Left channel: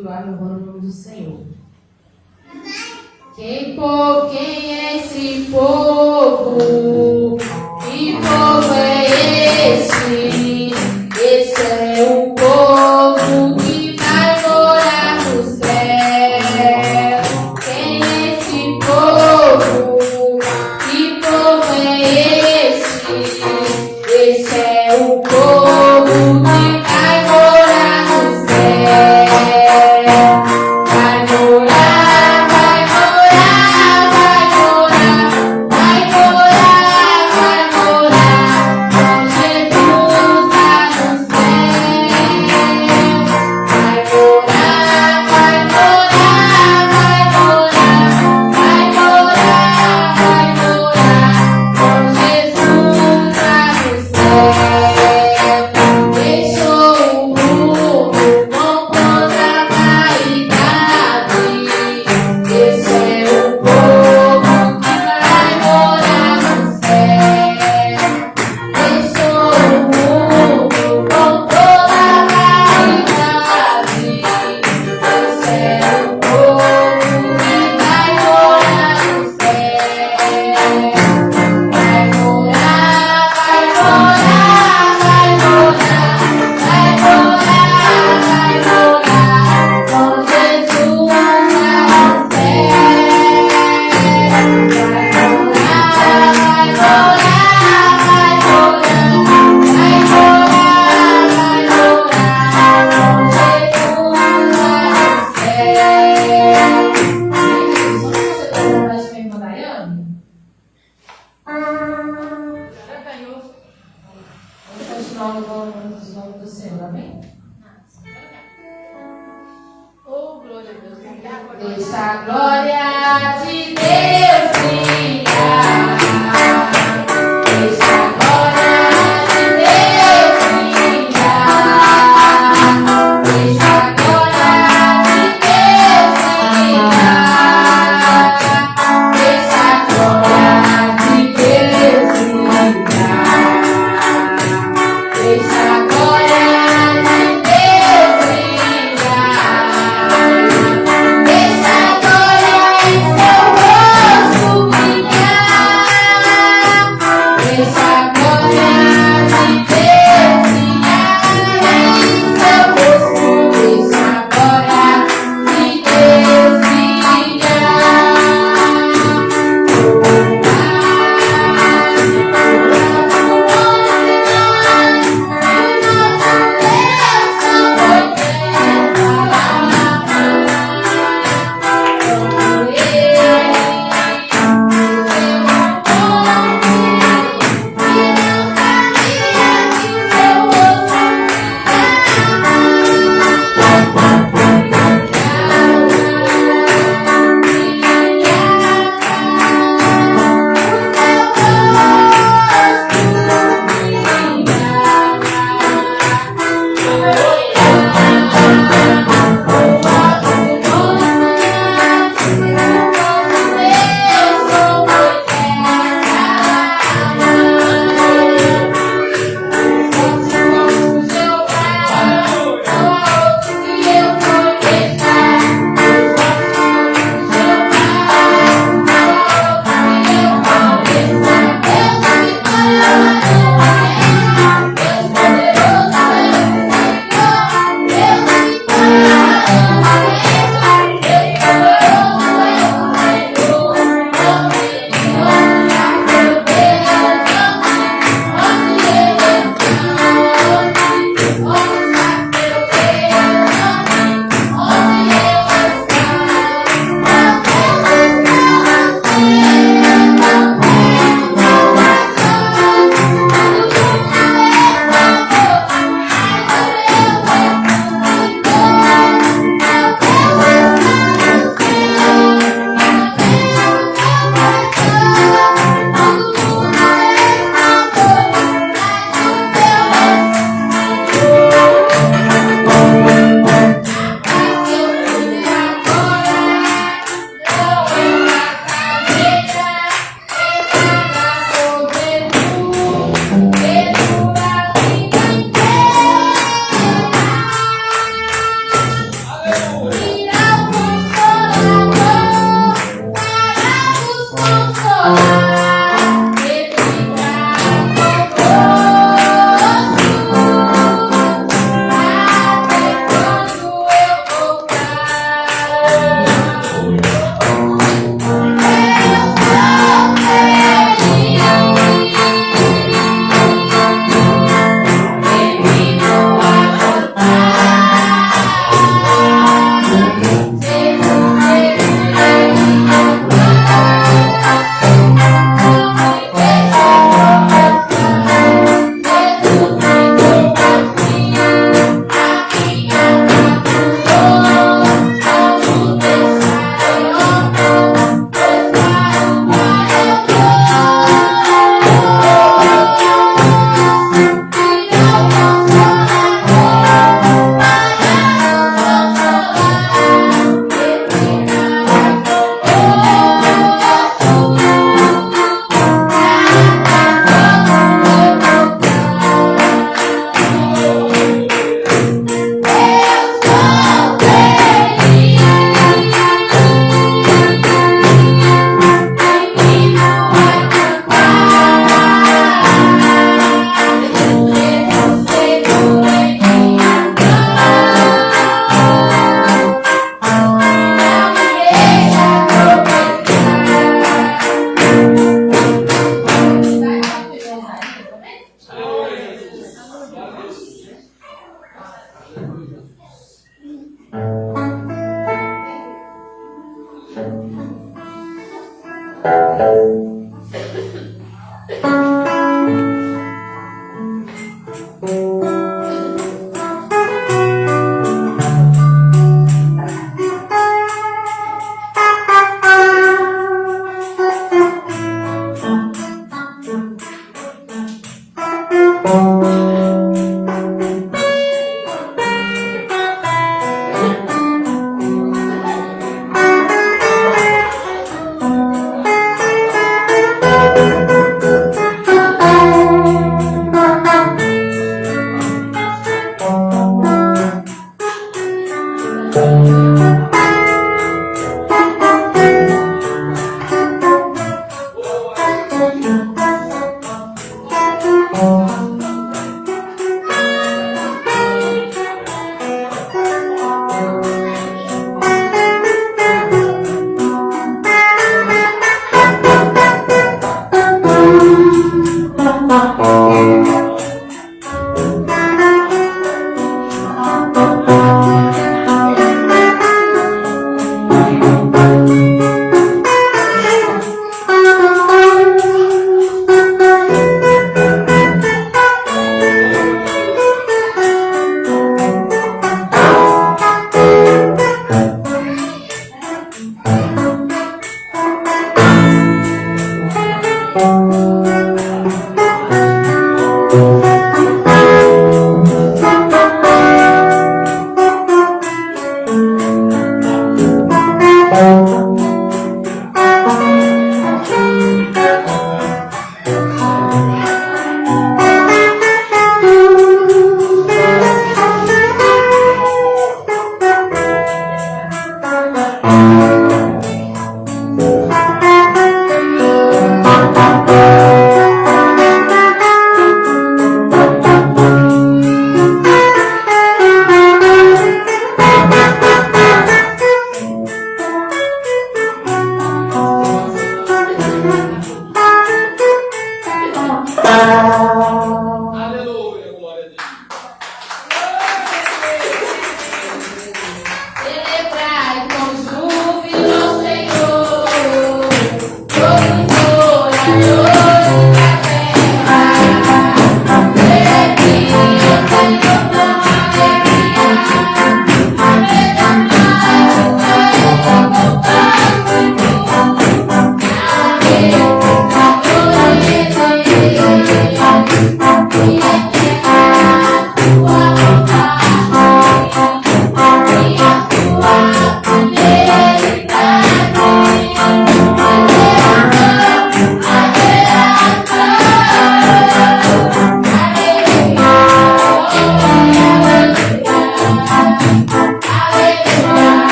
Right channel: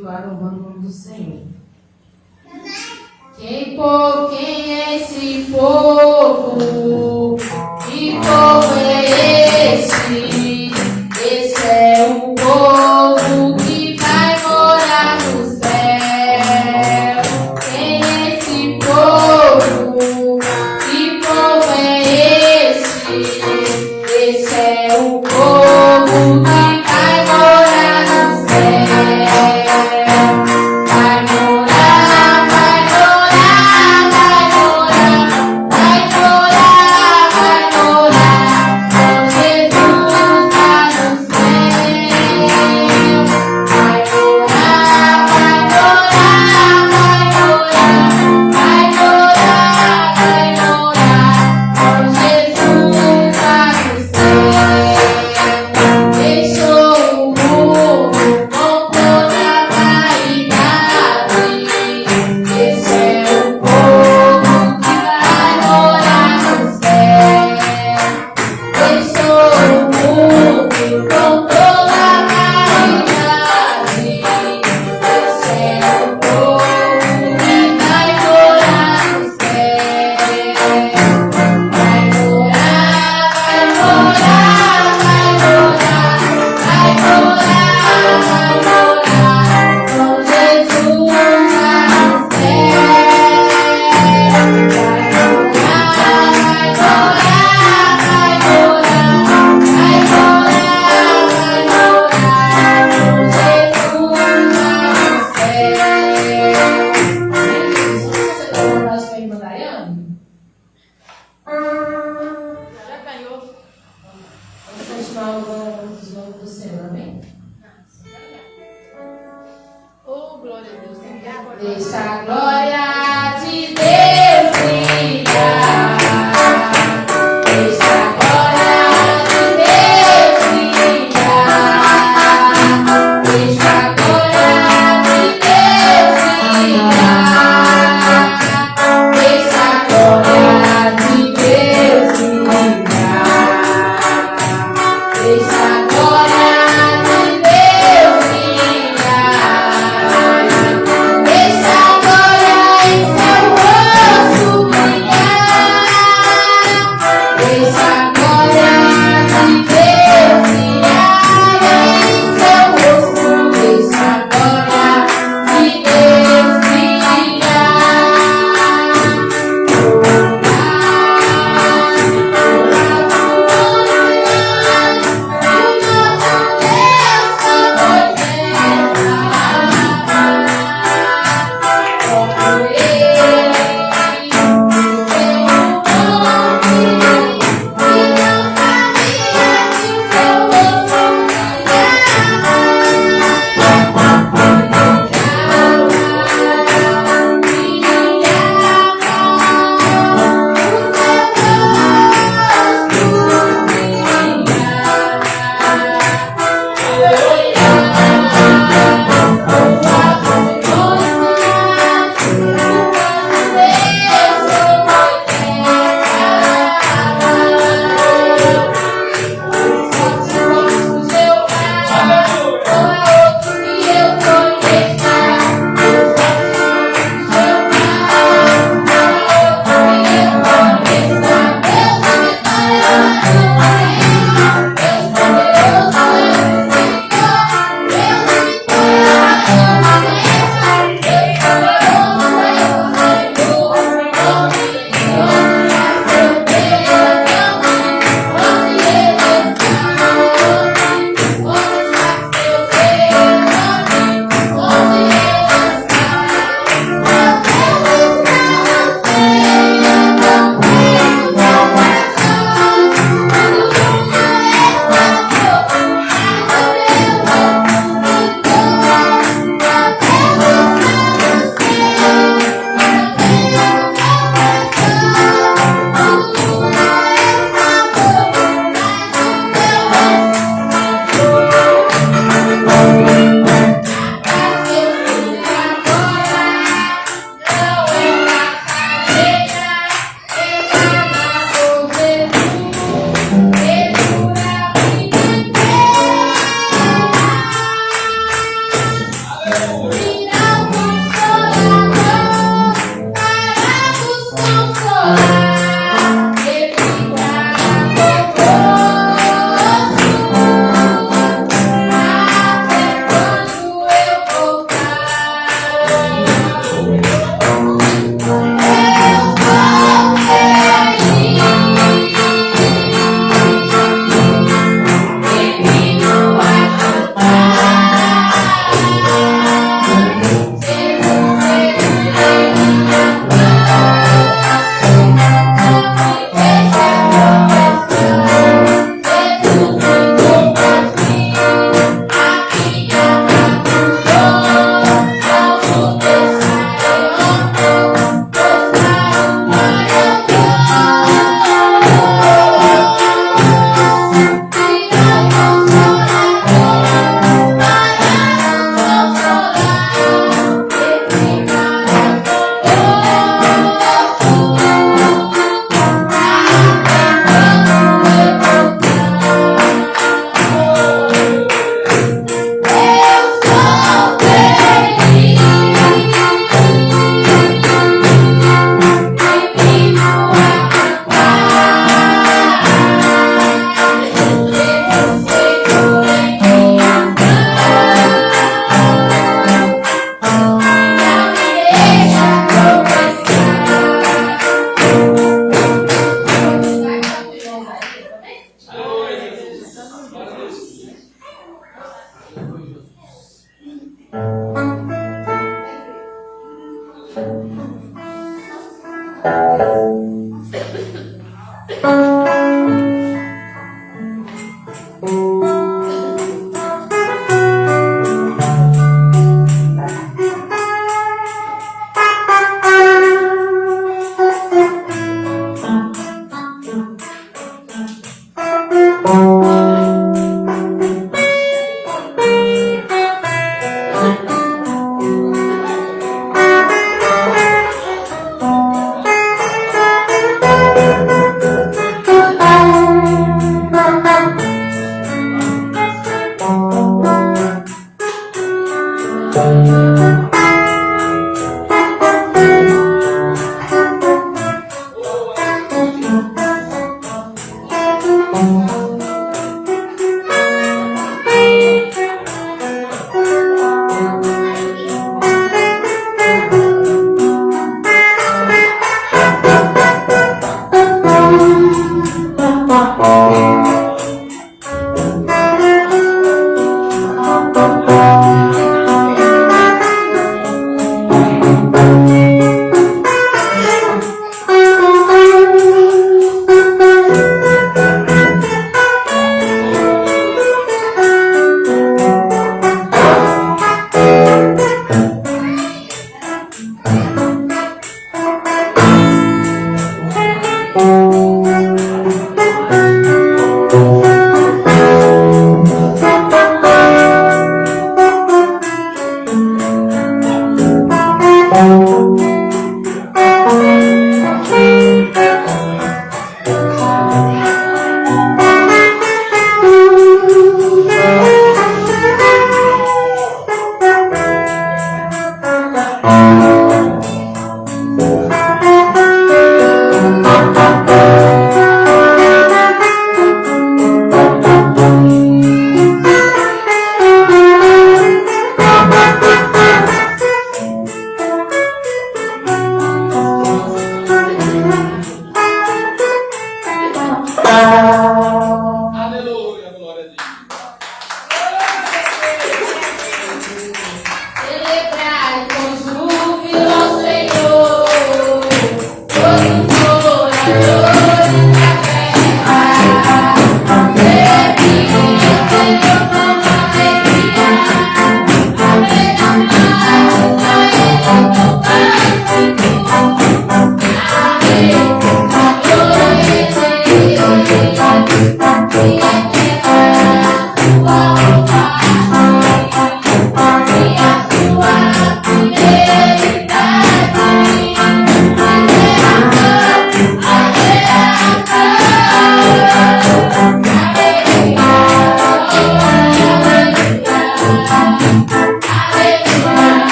continuar louvando o nome do Senhor. Quem é esse povo? Que povo é esse? Esse é o povo que vai morar no céu. Quem é esse povo? Que povo é esse? Esse é o povo que vai morar no céu. Vai morar, vai morar, vai morar, vai morar, vai morar com Jesus lá no céu. Vai morar, vai morar, vai morar, vai morar, vai morar com Jesus lá no céu. Deixou o mundo com toda a vaidade. Esse é o povo que vai morar no céu. Deixou o mundo com toda a vaidade. Esse é o povo que vai morar no céu. Vai morar, vai morar, vai morar, vai morar, vai morar com Jesus lá no Deixa a glória de Deus brilhar. Deixa a glória de Deus brilhar. Deixa a glória de Deus brilhar. Deixa a glória de Deus brilhar. Deixa a glória de Deus brilhar. Deixa a glória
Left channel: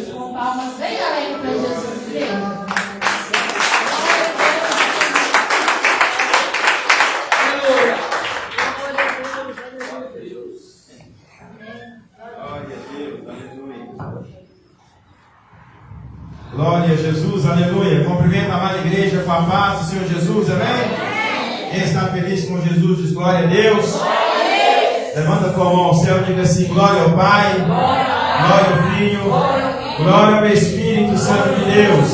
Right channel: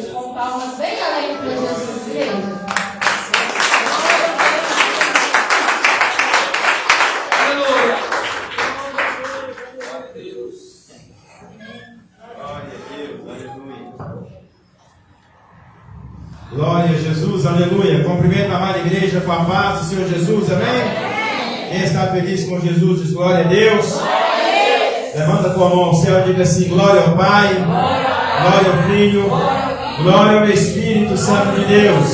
Deus. Com palmas bem alegre para Jesus, igreja. Glória a Jesus, aleluia. Cumprimento a amada igreja com a paz do Senhor Jesus, amém? Quem está feliz com Jesus diz glória a Deus. Levanta a tua mão ao céu e diga assim: glória ao Pai, glória ao Filho, glória ao Espírito Santo de Deus.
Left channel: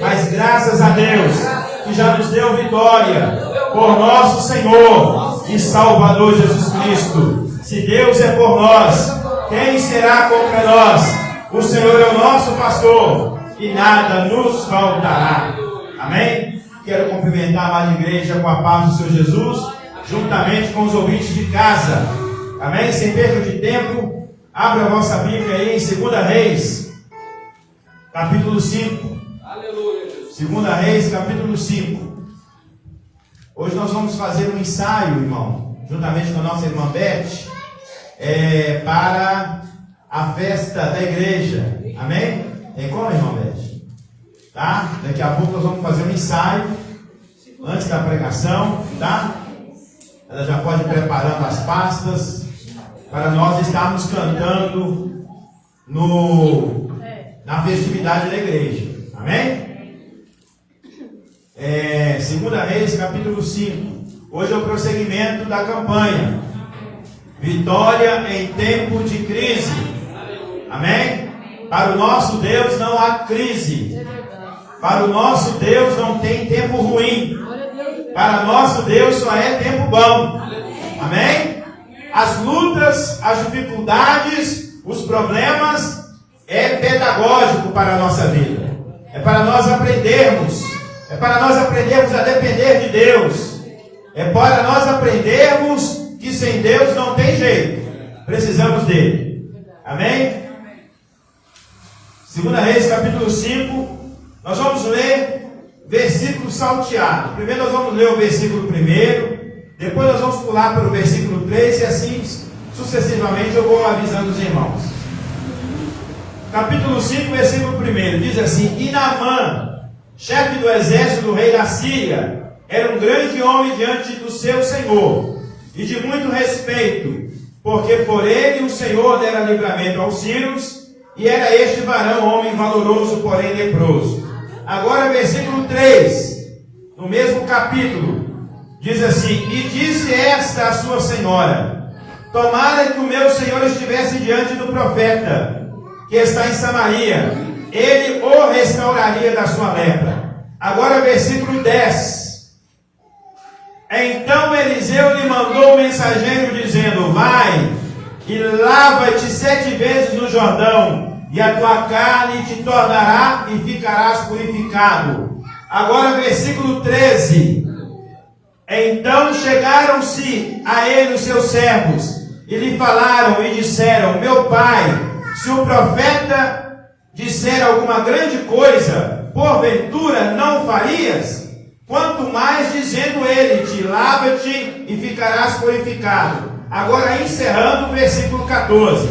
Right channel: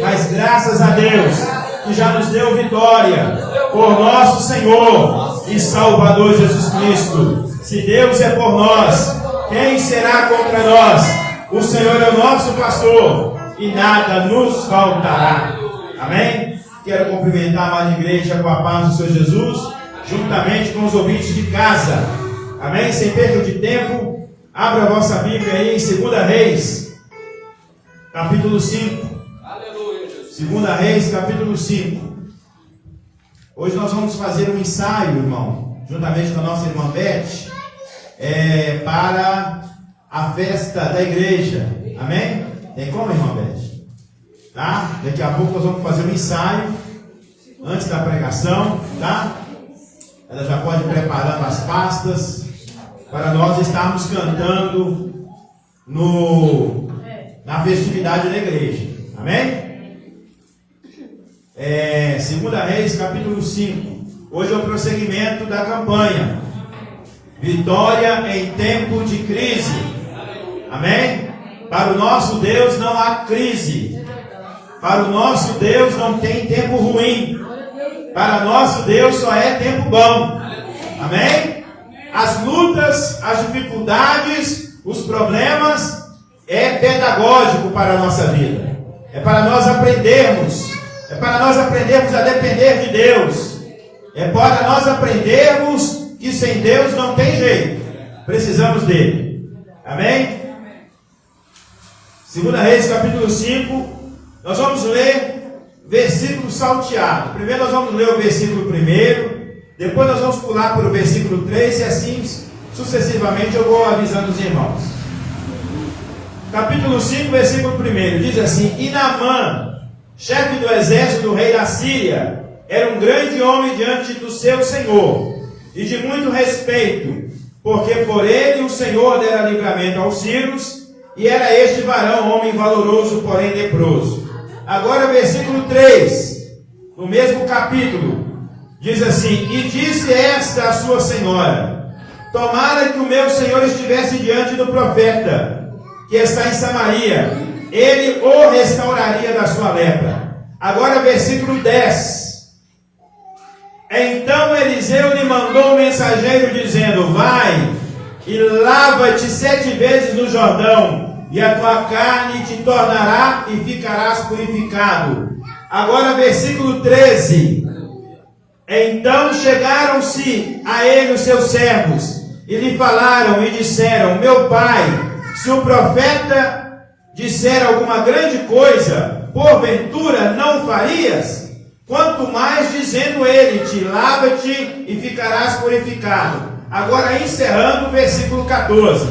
Mas graças a Deus que já nos deu vitória por nosso Senhor e Salvador Jesus Cristo. Se Deus é por nós, quem será contra nós? O Senhor é o nosso pastor e nada nos faltará. Amém? Quero cumprimentar a amada igreja com a paz do Senhor Jesus, juntamente com os ouvintes de casa. Amém? Sem perda de tempo, abra a vossa Bíblia aí em 2 Reis, capítulo 5. 2 Reis, capítulo 5. Hoje nós vamos fazer um ensaio, irmão, juntamente com a nossa irmã Beth, para a festa da igreja. Amém? Tem como, irmã Beth? Tá? Daqui a pouco nós vamos fazer um ensaio antes da pregação, tá? Ela já pode ir preparando as pastas para nós estarmos cantando na festividade da igreja. Amém? 2 Reis, capítulo 5. Hoje é o prosseguimento da campanha Vitória em tempo de crise. Amém? Para o nosso Deus não há crise. Para o nosso Deus não tem tempo ruim. Para o nosso Deus só é tempo bom. Amém? As lutas, as dificuldades, os problemas é pedagógico para a nossa vida. É para nós aprendermos. É para nós aprendermos a depender de Deus. É para nós aprendermos que sem Deus não tem jeito. Precisamos dele. Amém? 2 Reis, capítulo 5. Nós vamos ler versículo salteado. Primeiro nós vamos ler o versículo 1. Depois nós vamos pular para o versículo 3. E assim sucessivamente eu vou avisando os irmãos. Capítulo 5, versículo 1. Diz assim: E Naamã, chefe do exército do rei da Síria, era um grande homem diante do seu senhor, e de muito respeito, porque por ele o Senhor dera livramento aos sírios, e era este varão homem valoroso, porém leproso. Agora versículo 3, no mesmo capítulo, diz assim: E disse esta a sua senhora: Tomara que o meu senhor estivesse diante do profeta, que está em Samaria, ele o restauraria da sua lepra. Agora versículo 10. Então Eliseu lhe mandou um mensageiro dizendo: Vai e lava-te 7 vezes no Jordão, e a tua carne te tornará e ficarás purificado. Agora versículo 13. Então chegaram-se a ele os seus servos, e lhe falaram e disseram: Meu pai, se o profeta disser alguma grande coisa, porventura não farias? Quanto mais dizendo ele: Te lava-te e ficarás purificado. Agora encerrando o versículo 14.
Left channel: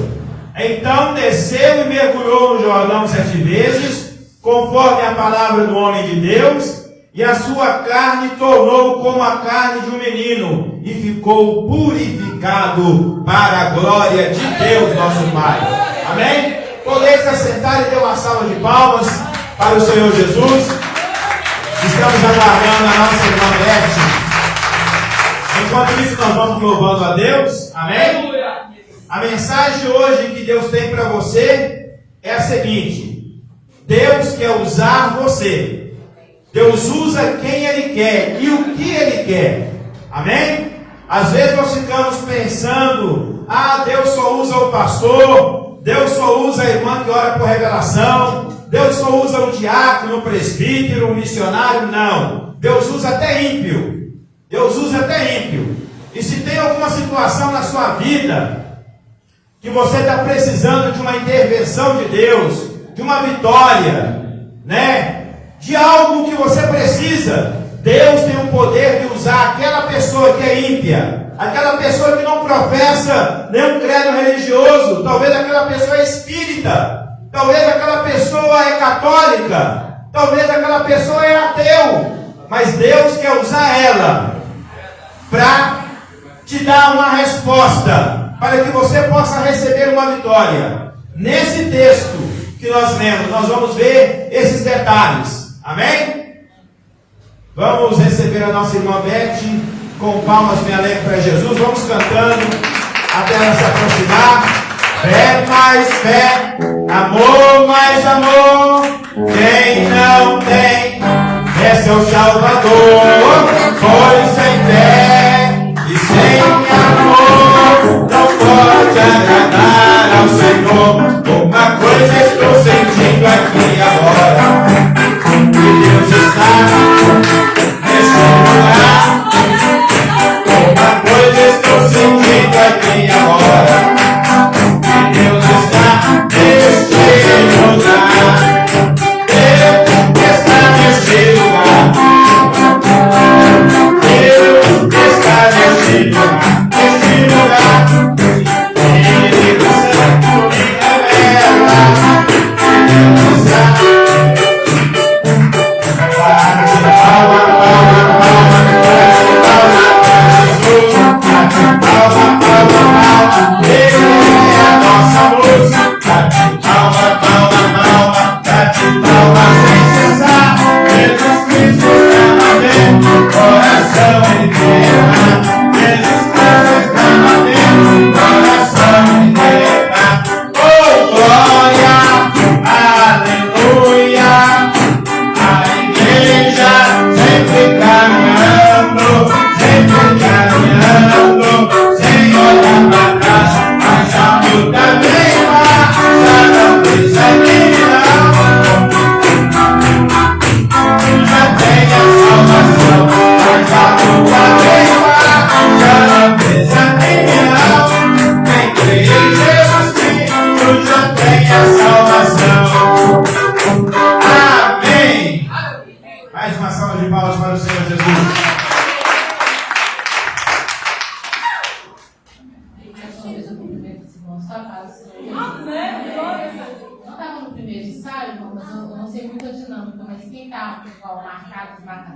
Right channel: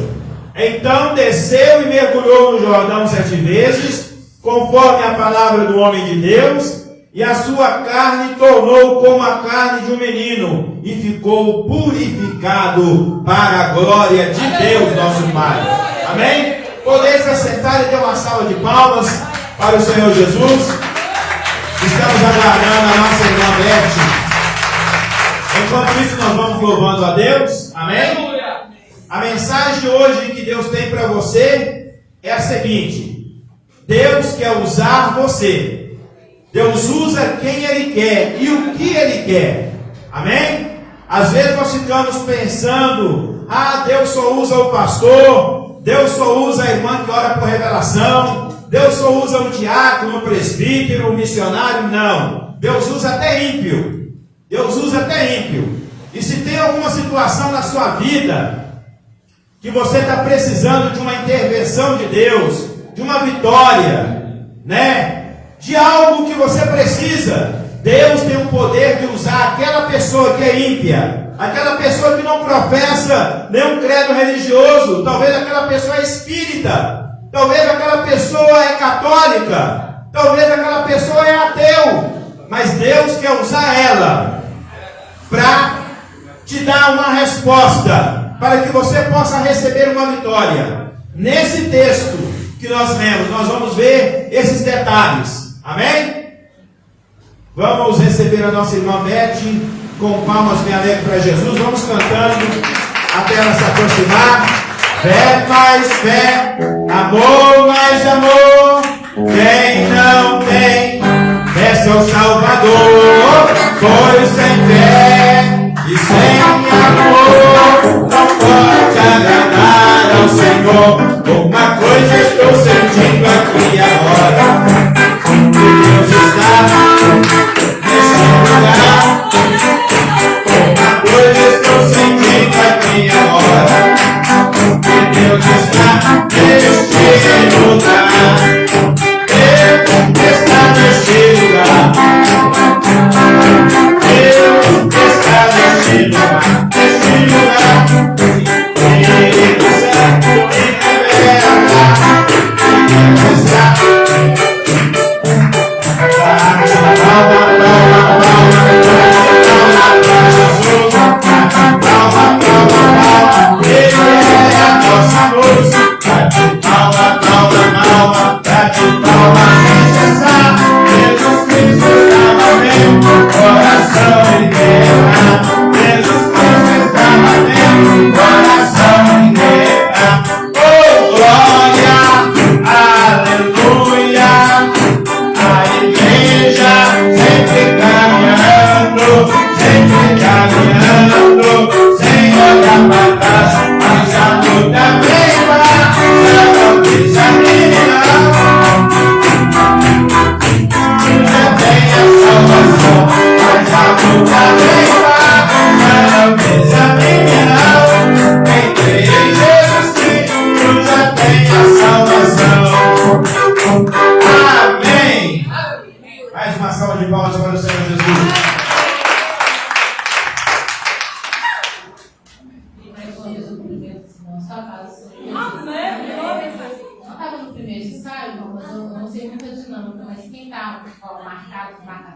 Então desceu e mergulhou no Jordão 7 vezes, conforme a palavra do homem de Deus, e a sua carne tornou como a carne de um menino, e ficou purificado para a glória de Deus nosso Pai. Amém? Podeis assentar e ter uma salva de palmas para o Senhor Jesus. Estamos aguardando a nossa irmã Beth. Enquanto isso, nós vamos louvando a Deus. Amém? A mensagem de hoje que Deus tem para você é a seguinte: Deus quer usar você. Deus usa quem Ele quer e o que Ele quer. Amém? Às vezes nós ficamos pensando: Deus só usa o pastor, Deus só usa a irmã que ora por revelação, Deus só usa o diácono, o presbítero, o missionário. Não. Deus usa até ímpio. Deus usa até ímpio. E se tem alguma situação na sua vida que você está precisando de uma intervenção de Deus, de uma vitória, de algo que você precisa, Deus tem o poder de usar aquela pessoa que é ímpia, aquela pessoa que não professa nenhum credo religioso, talvez aquela pessoa é espírita, Talvez aquela pessoa é católica, talvez aquela pessoa é ateu, mas Deus quer usar ela para te dar uma resposta, para que você possa receber uma vitória. Nesse texto que nós lemos, nós vamos ver esses detalhes. Amém? Vamos receber a nossa irmã Beth com palmas bem alegres para Jesus. Vamos cantando até ela se aproximar. Fé mais fé, amor mais amor. Quem não tem é seu Salvador. Pois sem fé e sem amor não pode agradar ao Senhor. Uma coisa estou sentindo aqui agora, que Deus está nesse lugar. Uma coisa estou sentindo aqui agora, que Deus está nesse lugar. Deus está nesse lugar. Deus está nesse lugar. Nesse lugar. Espírito Santo me revela.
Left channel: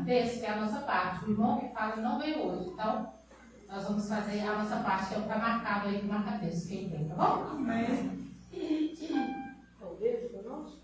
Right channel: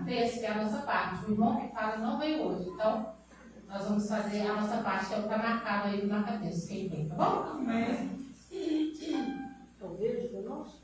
Deus está. O irmão que fala não veio hoje, então nós vamos fazer a nossa parte, que é o que está marcado aí no marca-texto, quem vem, tá bom? Amém. Talvez, para nós?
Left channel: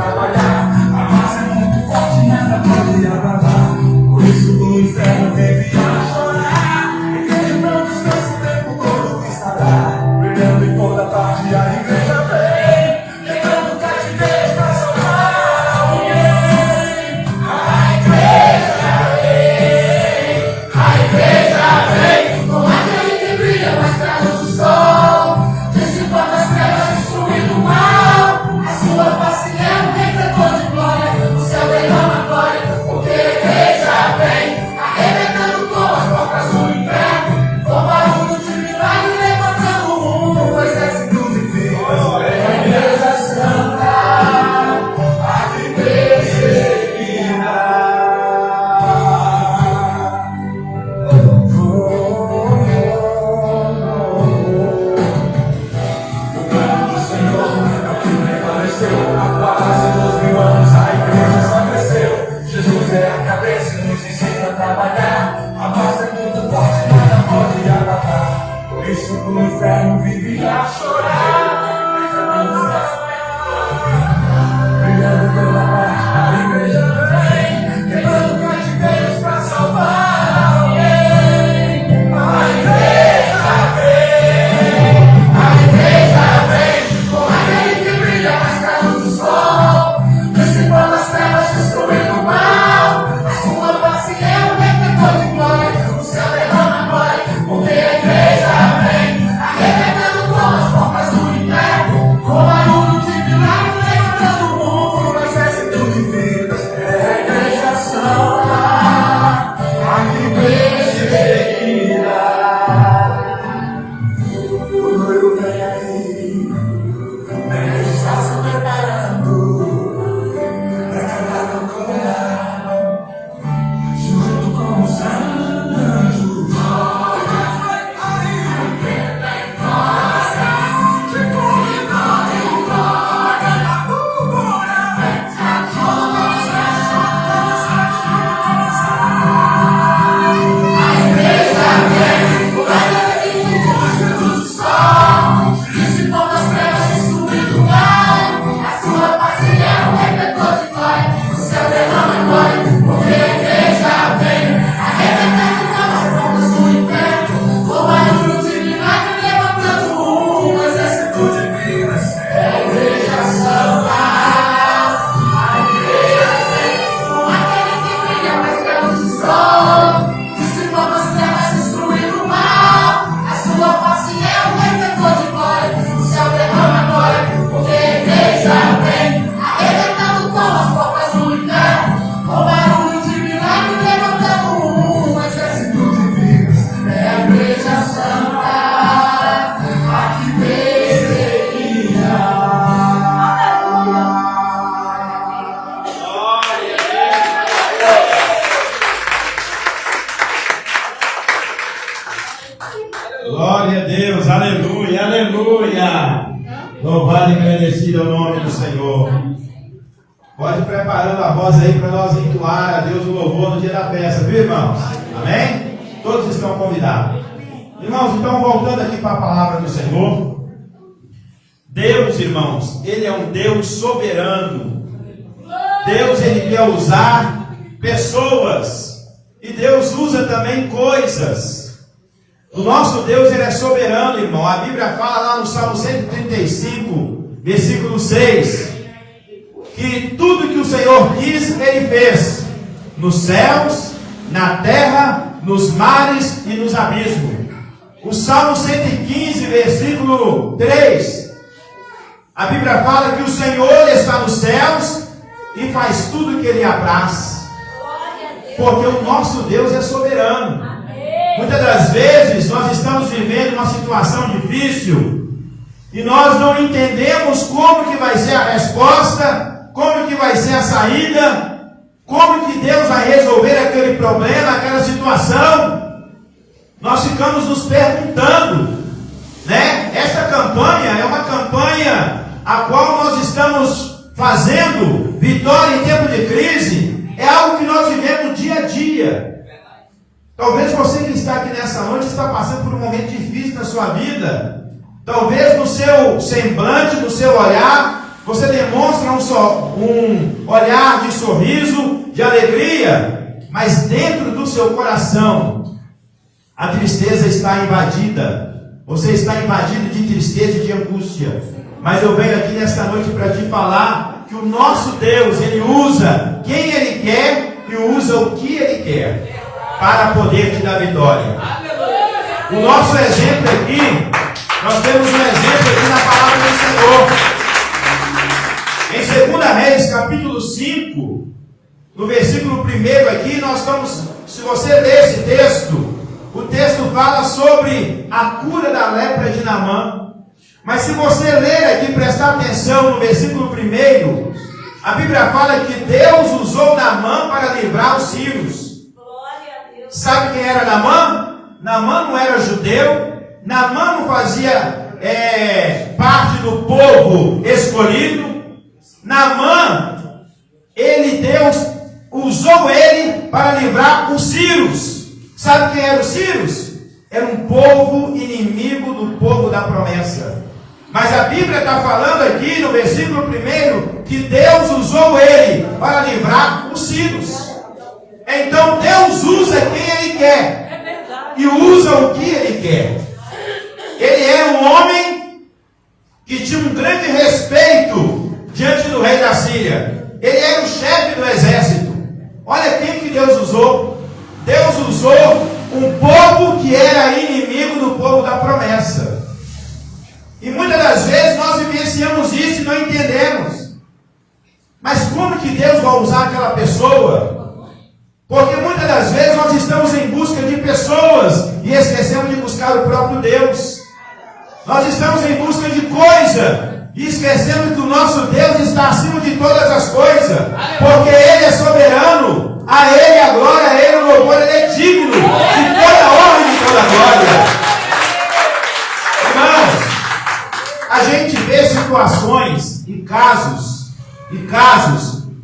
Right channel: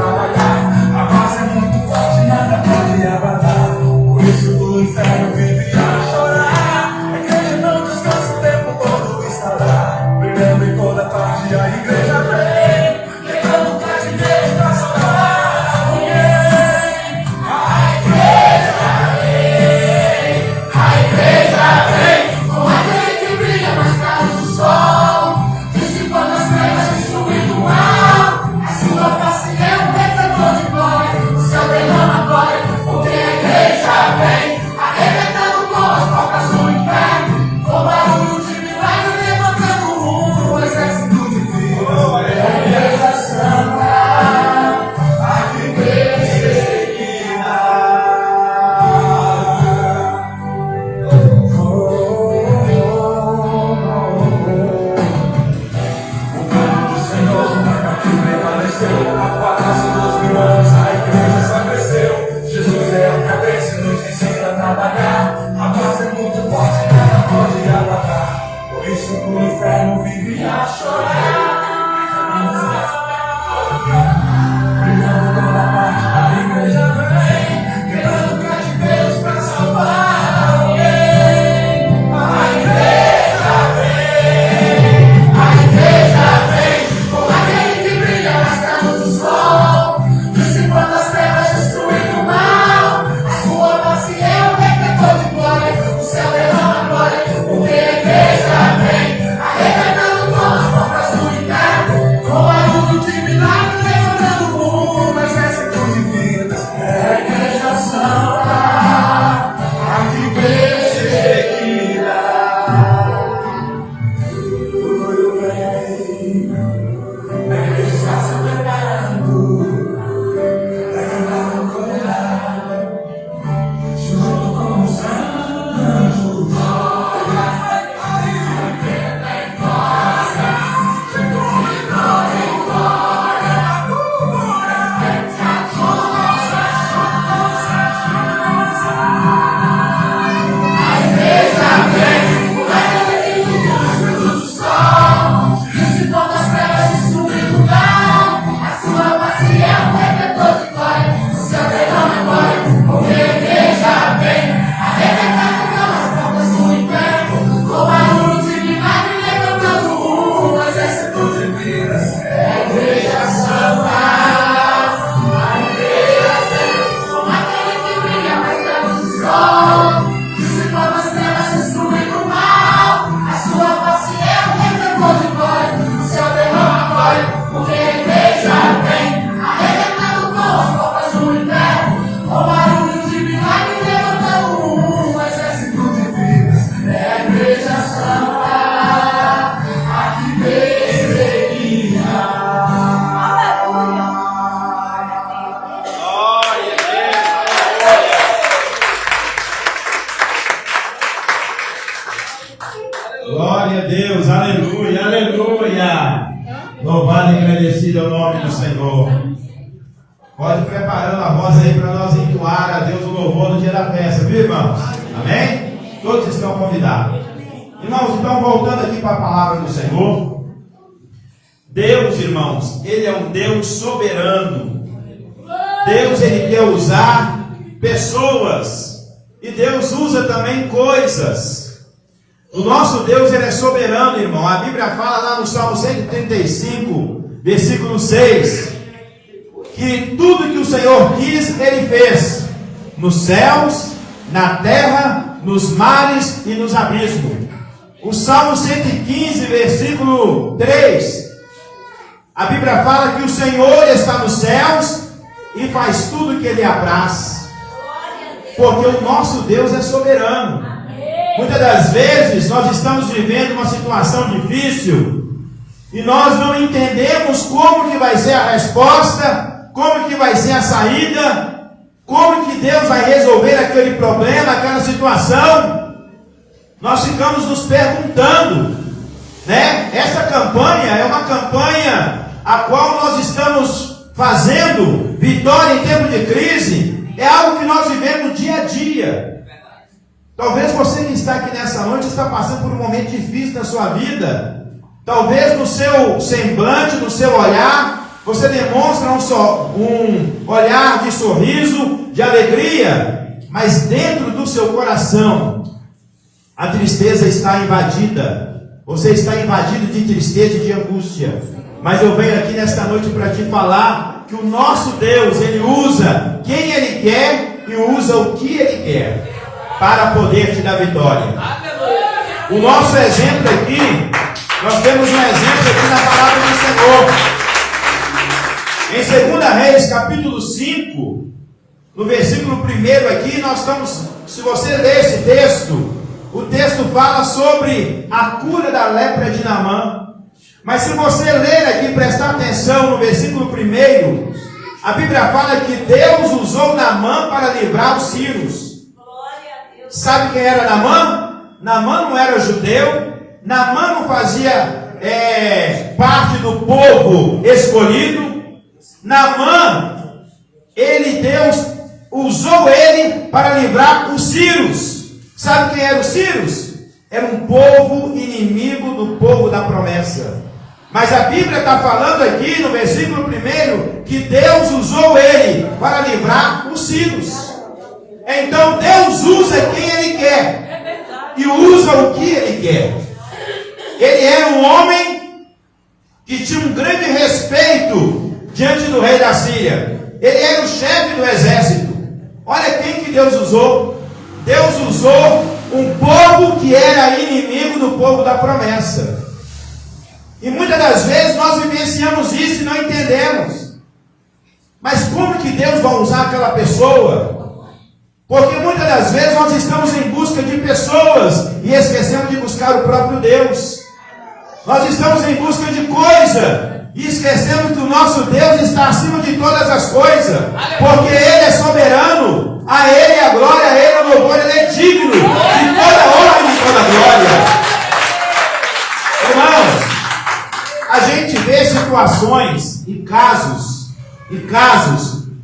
trabalhar. A massa é muito forte, nada pode abalar. Por isso o inferno vive a chorar. A igreja não descansa o tempo todo, está lá, brilhando em toda parte. A igreja vem, pegando cativeiros pra salvar alguém. A igreja vem, com aquele que brilha mais claro do sol, dissipando as trevas, destruindo o mal. A sua face é um refletor de glória, o céu derrama glória, porque a igreja vem, arrebentando com as portas do inferno, com barulho de milagre, levantando o mundo, o exército divino. É a igreja santa, a que perseguirá. A paz de 2000 anos, a igreja só cresceu. Jesus é a cabeça e nos ensina a trabalhar. A paz é muito forte, nada pode abalar. Por isso o inferno vive a chorar. Brilhando toda parte, a igreja vem, quebrando cativeiros pra salvar alguém. A igreja vem, com aquele que brilha mais claro do sol, dissipando as trevas, destruindo o mal. A sua face é um refletor de glória, o céu derrama glória, porque a igreja vem, arrebentando com as portas do inferno, com barulho de milagre, levantando o mundo, no exército de vidas. É a igreja santa, a que perseguirá. O noivo vem aí, a igreja está se preparando para cantar ao condenado, junto com os anjos. Dissipando as trevas, destruindo o mal. A sua face é um refletor de glória, o céu derrama glória, porque a igreja vem, arrebentando com as portas do inferno, com barulho de milagre, levantando o mundo, exército de vidas. É a igreja santa, a igreja vem, com aquele que brilha mais claro do sol, dissipando as trevas, destruindo o mal. A sua face é um refletor de glória, o céu derrama glória, porque a igreja vem, arrebentando com as portas do inferno, com barulho de milagre, levantando o mundo, um exército de vidas. É a igreja santa, a que perseguirá. Glória a Deus, aleluia, aleluia. Louvado e agradecido é o nome do Senhor. Pode ir preparando a voz aí para nós entoar a Deus o louvor no dia da festa, viu, irmãos? Amém? Todos estão convidados. Irmãos, então voltando aqui para a palavra do Senhor. Deus, irmãos, Ele é um Deus soberano. Deus, Ele quer usar pessoas. E Deus usa também coisas. O nosso Deus, Ele é soberano, irmão. A Bíblia fala lá no Salmo 135, versículo 6, que tudo que o Senhor quis, Ele fez. Nos céus, na terra, nos mares e nos abismos. O Salmo 115, versículo 3, a Bíblia fala que o Senhor está nos céus e faz tudo o que Ele apraz. Porque o nosso Deus é soberano. Muitas das vezes nós estamos vivendo uma situação difícil e nós não entendemos como que vai ser a resposta, como que vai ser a saída, como que Deus vai resolver aquele problema, aquela situação. Nós ficamos nos perguntando, né? Essa campanha é uma campanha a qual nós estamos fazendo, vitória em tempo de crise, é algo que nós vivemos dia a dia. Talvez você que está aqui nessa noite está passando por um momento difícil na sua vida. Talvez no seu semblante, no seu olhar, Você demonstra um olhar de sorriso, de alegria, mas dentro do seu coração a tristeza está invadida. Você está invadido de tristeza e de angústia. Mas eu venho aqui nesta noite para te falar que o nosso Deus, Ele usa quem Ele quer e usa o que Ele quer para poder te dar vitória. O nosso exemplo aqui, nós temos um exemplo aqui na palavra do Senhor. Em 2 Reis, capítulo 5, no versículo 1 aqui, nós estamos, se você ler esse texto, o texto fala sobre a cura da lepra de Naamã. Mas se você ler aqui, prestar atenção no versículo 1, a Bíblia fala que Deus usou Naamã para livrar os sírios. Sabe quem era Naamã? Naamã não era judeu. Naamã não fazia parte do povo escolhido. Naamã, Deus usou ele para livrar os sírios. Sabe quem eram os sírios? Era um povo inimigo do povo da promessa. Mas a Bíblia está falando aqui no versículo 1 que Deus usou ele para livrar os sírios. Então Deus usa quem Ele quer e usa o que Ele quer. Ele era um homem que tinha um grande respeito diante do rei da Síria. Ele era o chefe do exército. Olha quem que Deus usou. Deus usou um povo que era inimigo do povo da promessa. E muitas das vezes nós vivenciamos isso e não entendemos. Mas como que Deus vai usar aquela pessoa? Porque muitas das vezes nós estamos em busca de pessoas e esquecemos de buscar o próprio Deus. Nós estamos em busca de coisa e esquecendo que o nosso Deus está acima de todas as coisas. Porque Ele é soberano. A Ele a glória, a Ele o louvor. Ele é digno de toda honra e de toda glória. Irmãos, a gente vê situações e casos,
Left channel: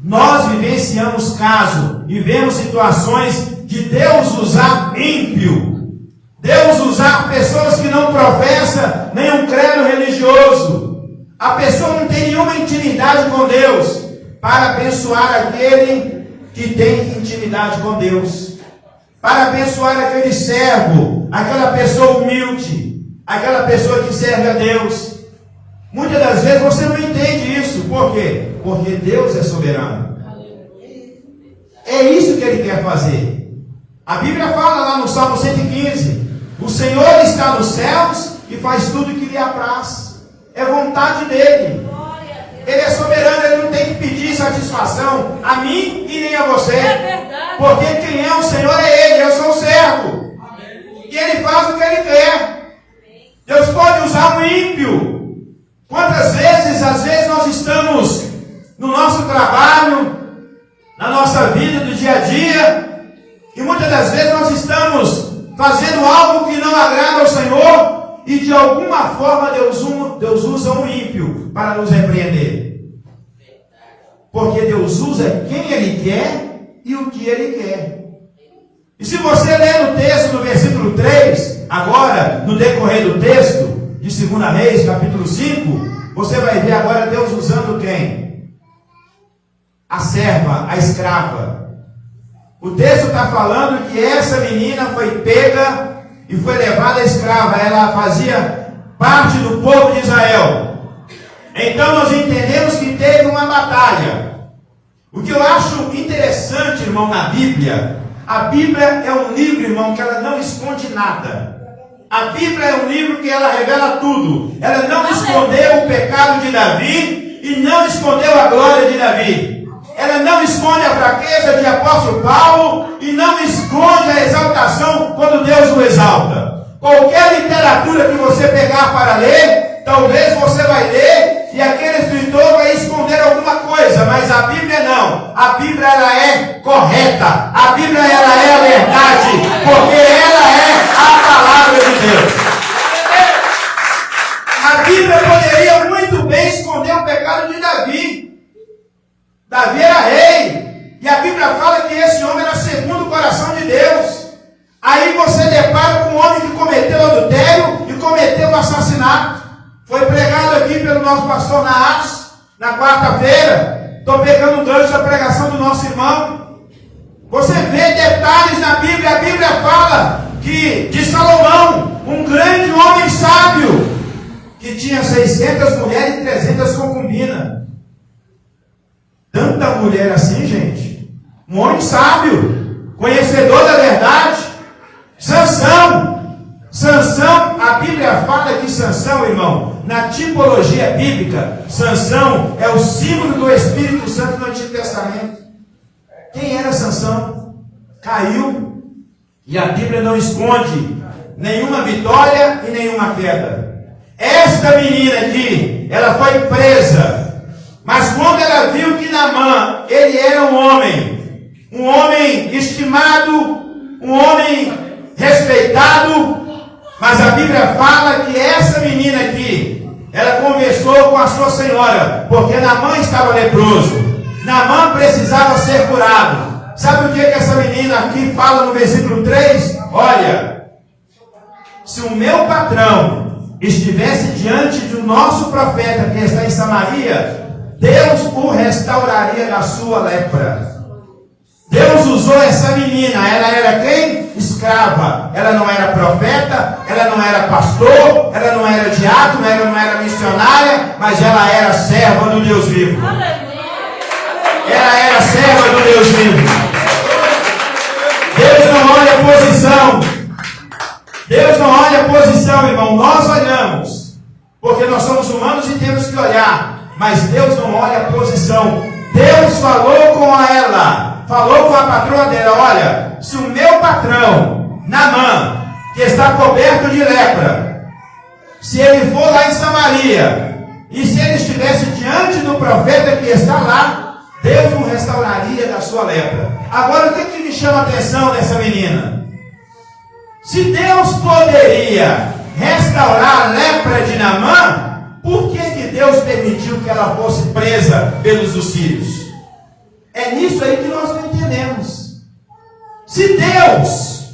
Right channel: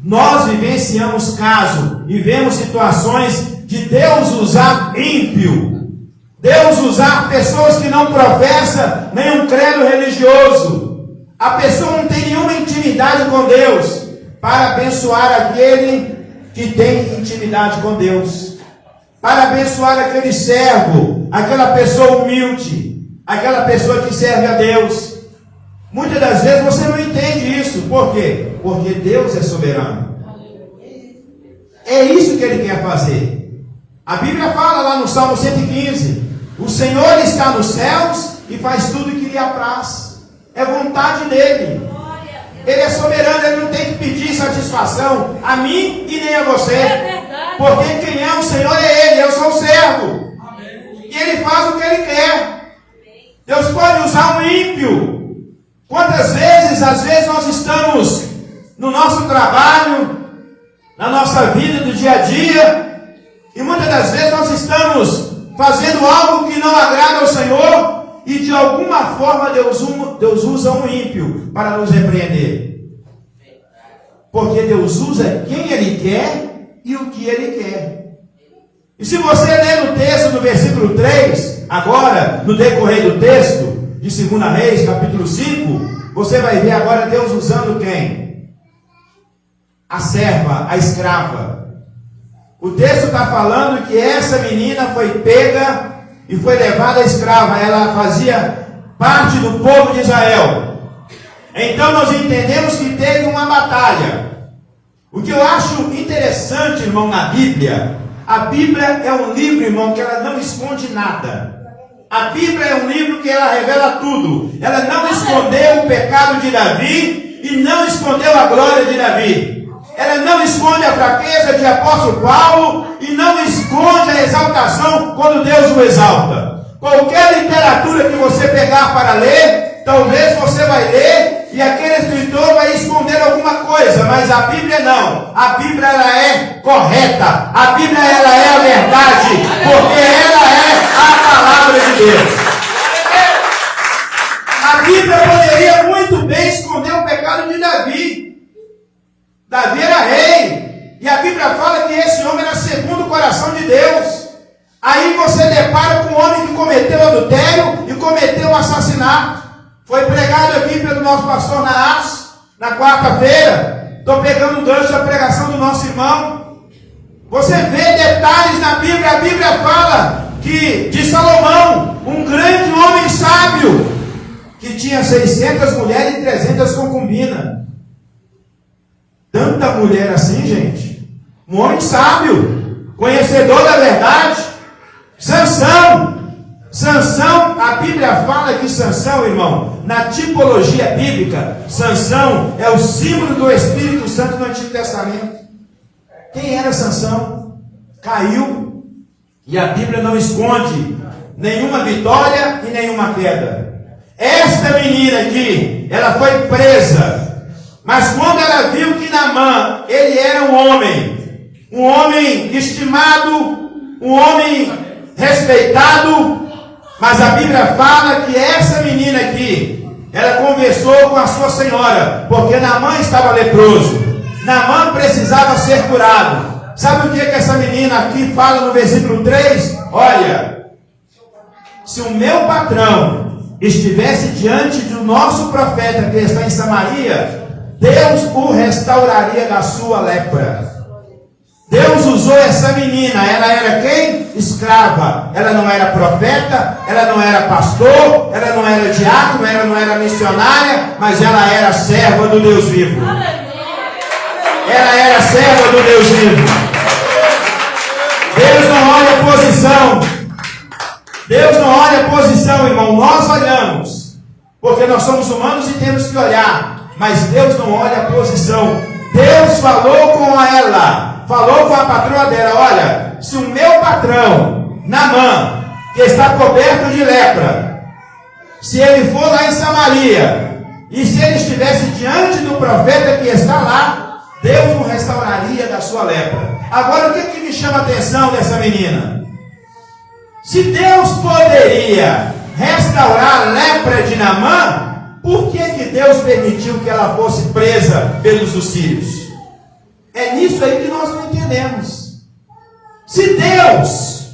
nós vivenciamos casos e vemos situações de Deus usar ímpio, Deus usar pessoas que não professam nenhum credo religioso. A pessoa não tem nenhuma intimidade com Deus para abençoar aquele que tem intimidade com Deus, para abençoar aquele servo, aquela pessoa humilde, aquela pessoa que serve a Deus. Muitas das vezes você não entende isso. Por quê? Porque Deus é soberano. É isso que Ele quer fazer. A Bíblia fala lá no Salmo 115: o Senhor está nos céus e faz tudo o que lhe apraz. É vontade dEle. Ele é soberano, Ele não tem que pedir satisfação a mim e nem a você. Porque quem é o Senhor é Ele, eu sou o servo. E Ele faz o que Ele quer. Deus pode usar um ímpio. Quantas vezes, às vezes nós estamos no nosso trabalho, na nossa vida do dia a dia, e muitas das vezes nós estamos fazendo algo que não agrada ao Senhor, e de alguma forma Deus usa um ímpio para nos repreender. Porque Deus usa quem Ele quer e o que Ele quer. E se você ler no texto do versículo 3, agora, no decorrer do texto, de 2 Reis, capítulo 5, você vai ver agora Deus usando quem? A serva, a escrava. O texto está falando que essa menina foi pega e foi levada escrava. Ela fazia parte do povo de Israel. Então nós entendemos que teve uma batalha. O que eu acho interessante, irmão, na Bíblia, a Bíblia é um livro, irmão, que ela não esconde nada. A Bíblia é um livro que ela revela tudo. Ela não escondeu o pecado de Davi e não escondeu a glória de Davi. Ela não esconde a fraqueza de apóstolo Paulo e não esconde a exaltação quando Deus o exalta. Qualquer literatura que você pegar para ler, talvez você vai ler e aquele escritor vai esconder alguma coisa, mas a Bíblia não. A Bíblia ela é correta. A Bíblia ela é a verdade, porque ela é a palavra de Deus. A Bíblia poderia muito bem esconder o pecado de Davi. Davi era rei, e a Bíblia fala que esse homem era segundo o coração de Deus. Aí você depara com um homem que cometeu adultério e cometeu um assassinato. Foi pregado aqui pelo nosso pastor Naas, Na quarta-feira, estou pegando um gancho da pregação do nosso irmão. Você vê detalhes na Bíblia. A Bíblia fala que de Salomão, um grande homem sábio, que tinha 600 mulheres e 300 concubinas. Tanta mulher assim, gente. Um homem sábio, conhecedor da verdade. Sansão, a Bíblia fala que Sansão, irmão, na tipologia bíblica, Sansão é o símbolo do Espírito Santo no Antigo Testamento. Quem era Sansão? Caiu, e a Bíblia não esconde nenhuma vitória e nenhuma queda. Esta menina aqui, ela foi presa, mas quando ela viu que Naamã, ele era um homem estimado, um homem respeitado, mas a Bíblia fala que essa menina aqui, ela conversou com a sua senhora, porque Naamã estava leproso. Naamã precisava ser curado. Sabe o que essa menina aqui fala no versículo 3? Olha, se o meu patrão estivesse diante do nosso profeta que está em Samaria, Deus o restauraria da sua lepra. Deus usou essa menina. Ela era quem? Escrava. Ela não era profeta, ela não era pastor, ela não era diácono, ela não era missionária, mas ela era serva do Deus vivo. Ela era serva do Deus vivo. Deus não olha a posição. Deus não olha a posição, irmão. Nós olhamos, porque nós somos humanos e temos que olhar. Mas Deus não olha a posição. Deus falou com ela, falou com a patroa dela: olha, se o meu patrão, Naamã, que está coberto de lepra, se ele for lá em Samaria, e se ele estivesse diante do profeta que está lá, Deus o restauraria da sua lepra. Agora, o que me chama a atenção dessa menina? Se Deus poderia restaurar a lepra de Naamã, por que Deus permitiu que ela fosse presa pelos assírios? É nisso aí que nós não entendemos. Se Deus,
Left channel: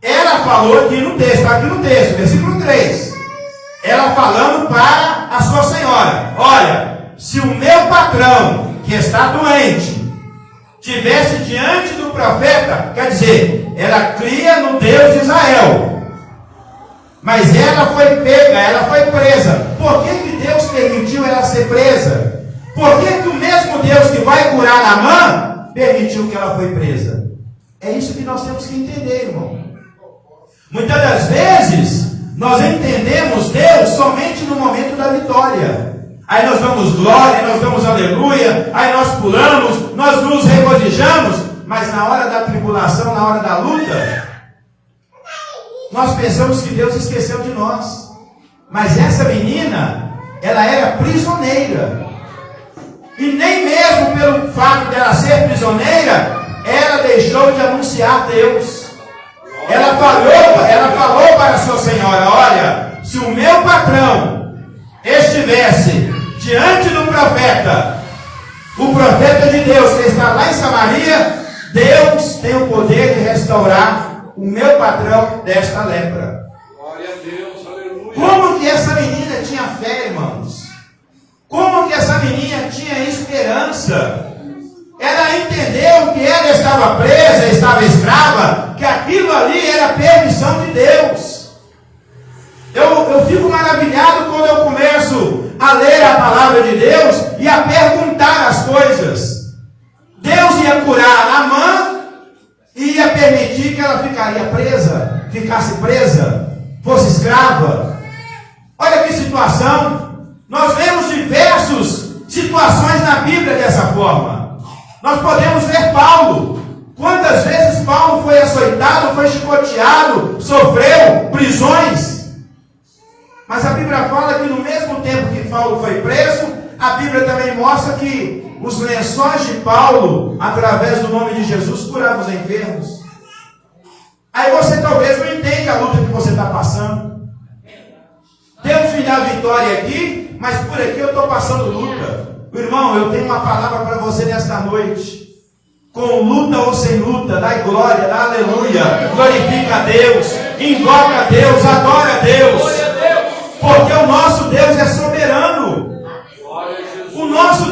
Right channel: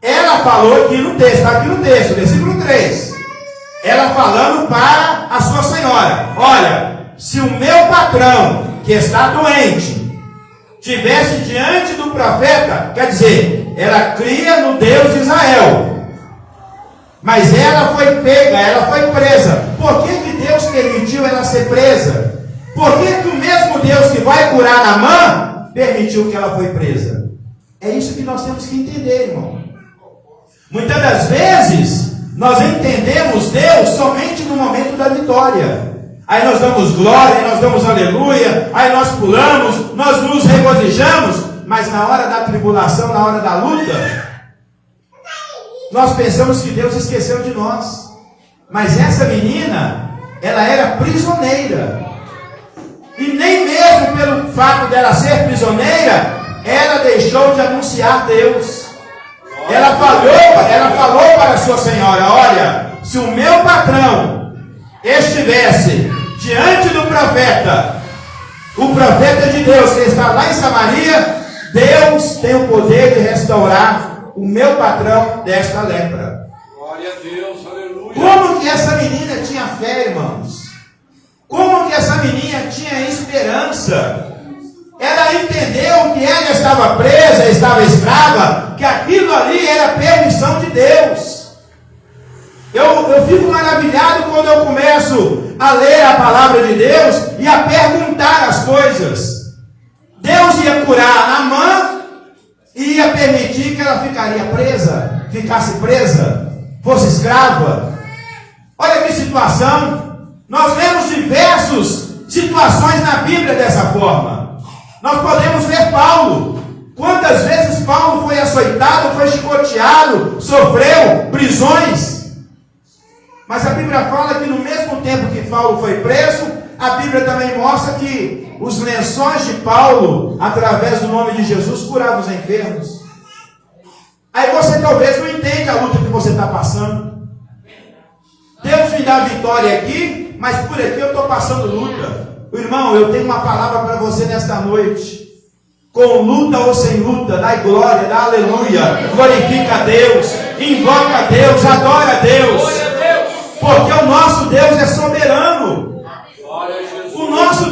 ela falou aqui no texto, versículo 3, ela falando para a sua senhora: olha, se o meu patrão, que está doente, tivesse diante do profeta, quer dizer, ela cria no Deus de Israel, mas ela foi pega, ela foi presa. Por que Deus permitiu ela ser presa? Por que o mesmo Deus que vai curar Naamã permitiu que ela foi presa? É isso que nós temos que entender, irmão. Muitas das vezes nós entendemos Deus somente no momento da vitória. Aí nós damos glória, nós damos aleluia, aí nós pulamos, nós nos regozijamos, mas na hora da tribulação, na hora da luta, nós pensamos que Deus esqueceu de nós. Mas essa menina, ela era prisioneira. E nem mesmo pelo fato dela ser prisioneira, ela deixou de anunciar Deus. Ela falou para a sua senhora: olha, se o meu patrão estivesse diante do profeta, o profeta de Deus que está lá em Samaria, Deus tem o poder de restaurar o meu patrão desta lepra. Glória a Deus, aleluia. Como que essa menina tinha fé, irmãos? Como que essa menina tinha esperança? Ela entendeu que ela estava presa, estava escrava, que aquilo ali era permissão de Deus. Eu fico maravilhado quando eu começo a ler a palavra de Deus e a perguntar as coisas. Deus ia curar Naamã e ia permitir que ela ficasse presa, fosse escrava. Olha que situação. Nós vemos diversas situações na Bíblia dessa forma. Nós podemos ver Paulo. Quantas vezes Paulo foi açoitado, foi chicoteado, sofreu prisões. Mas a Bíblia fala que no mesmo tempo que Paulo foi preso, a Bíblia também mostra que os lençóis de Paulo, através do nome de Jesus, curavam os enfermos. Aí você talvez não entende a luta que você está passando. Deus me dá a vitória aqui, mas por aqui eu estou passando luta. Irmão, eu tenho uma palavra para você nesta noite. Com luta ou sem luta, dá glória, dá aleluia, glorifica a Deus, invoca a Deus, adora a Deus. Porque o nosso Deus é soberano. O nosso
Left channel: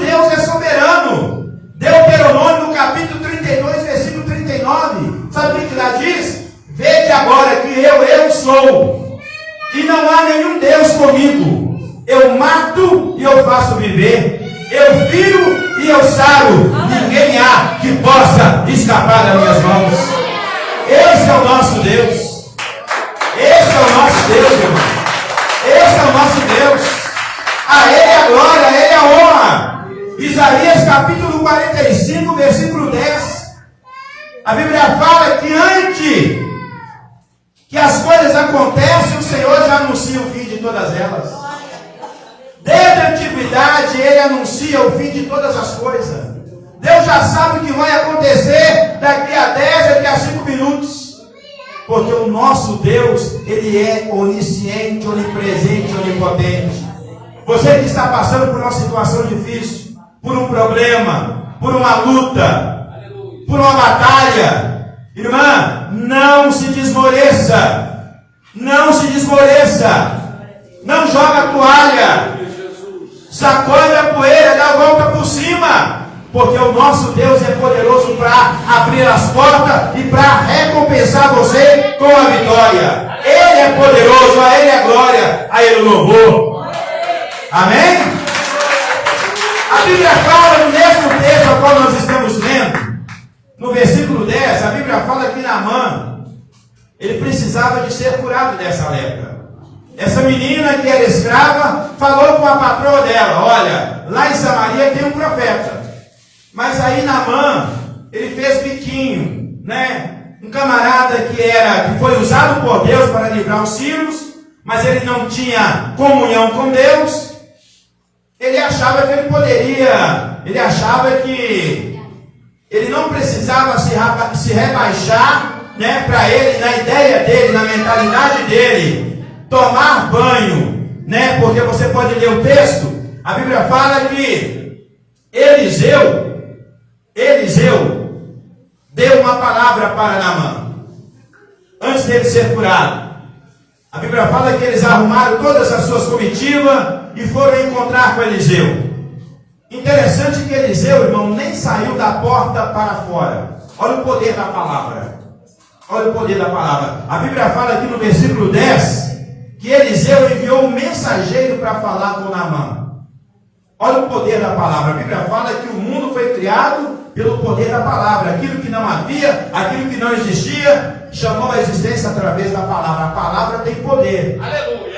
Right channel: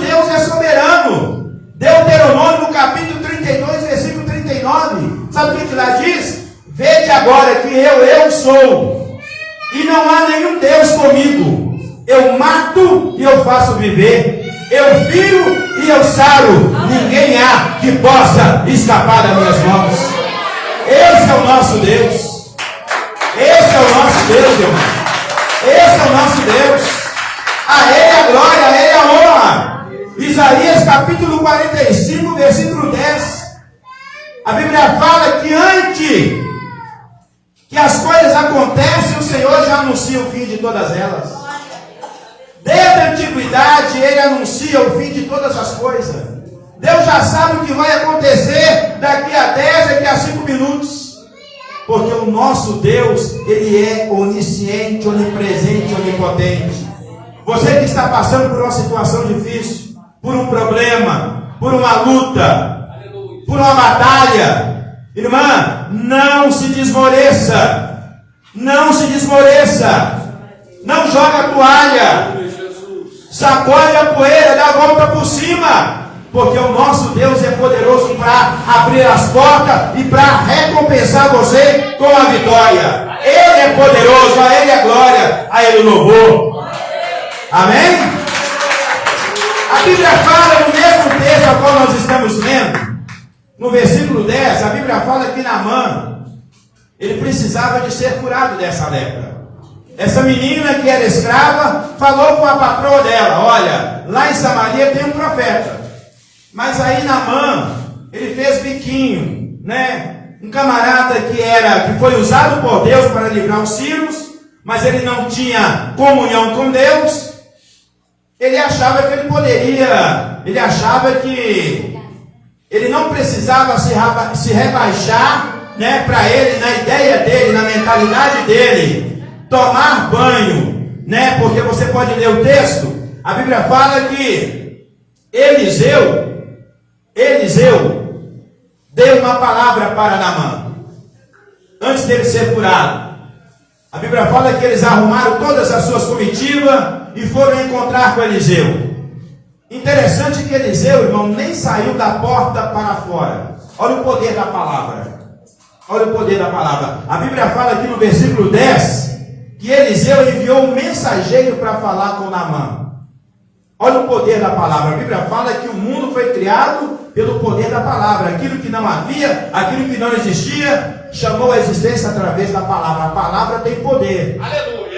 capítulo 32, versículo 39. Sabe o que lá diz? Vede agora que eu sou, e não há nenhum Deus comigo. Eu mato e eu faço viver. Eu firo e eu saro. Ninguém há que possa escapar das minhas mãos. Esse é o nosso Deus. Esse é o nosso Deus, irmão. Esse é o nosso Deus. A Ele a glória, a Ele a honra. Isaías capítulo 45, versículo 10. A Bíblia fala que antes que as coisas acontecem, o Senhor já anuncia o fim de todas elas. Desde a antiguidade, Ele anuncia o fim de todas as coisas. Deus já sabe o que vai acontecer daqui a 10, daqui a 5 minutos. Porque o nosso Deus, Ele é onisciente, onipresente, onipotente. Você que está passando por uma situação difícil, por um problema, por uma luta, por uma batalha, irmã, não se desmoreça. Não se desmoreça. Não joga a toalha. Sacode a poeira, dá a volta por cima. Porque o nosso Deus é poderoso para abrir as portas e para recompensar você com a vitória. Ele é poderoso, a Ele a glória, a Ele o louvor. Amém? A Bíblia fala no mesmo texto ao qual nós estamos lendo, no versículo 10, a Bíblia fala que Naamã, ele precisava de ser curado dessa lepra. Essa menina que era escrava falou com a patroa dela: olha, lá em Samaria tem um profeta. Mas aí Naamã, ele fez biquinho, né? Um camarada que foi usado por Deus para livrar os sírios, mas ele não tinha comunhão com Deus. Ele achava que ele achava que ele não precisava se rebaixar, né? Para ele, na ideia dele, na mentalidade dele, tomar banho, né? Porque você pode ler o texto, a Bíblia fala que Eliseu deu uma palavra para Naamã, antes dele ser curado. A Bíblia fala que eles arrumaram todas as suas comitivas e foram encontrar com Eliseu. Interessante que Eliseu, irmão, nem saiu da porta para fora. Olha o poder da palavra. Olha o poder da palavra. A Bíblia fala aqui no versículo 10 que Eliseu enviou um mensageiro para falar com Naamã. Olha o poder da palavra. A Bíblia fala que o mundo foi criado pelo poder da palavra. Aquilo que não havia, aquilo que não existia, chamou a existência através da palavra. A palavra tem poder. Aleluia.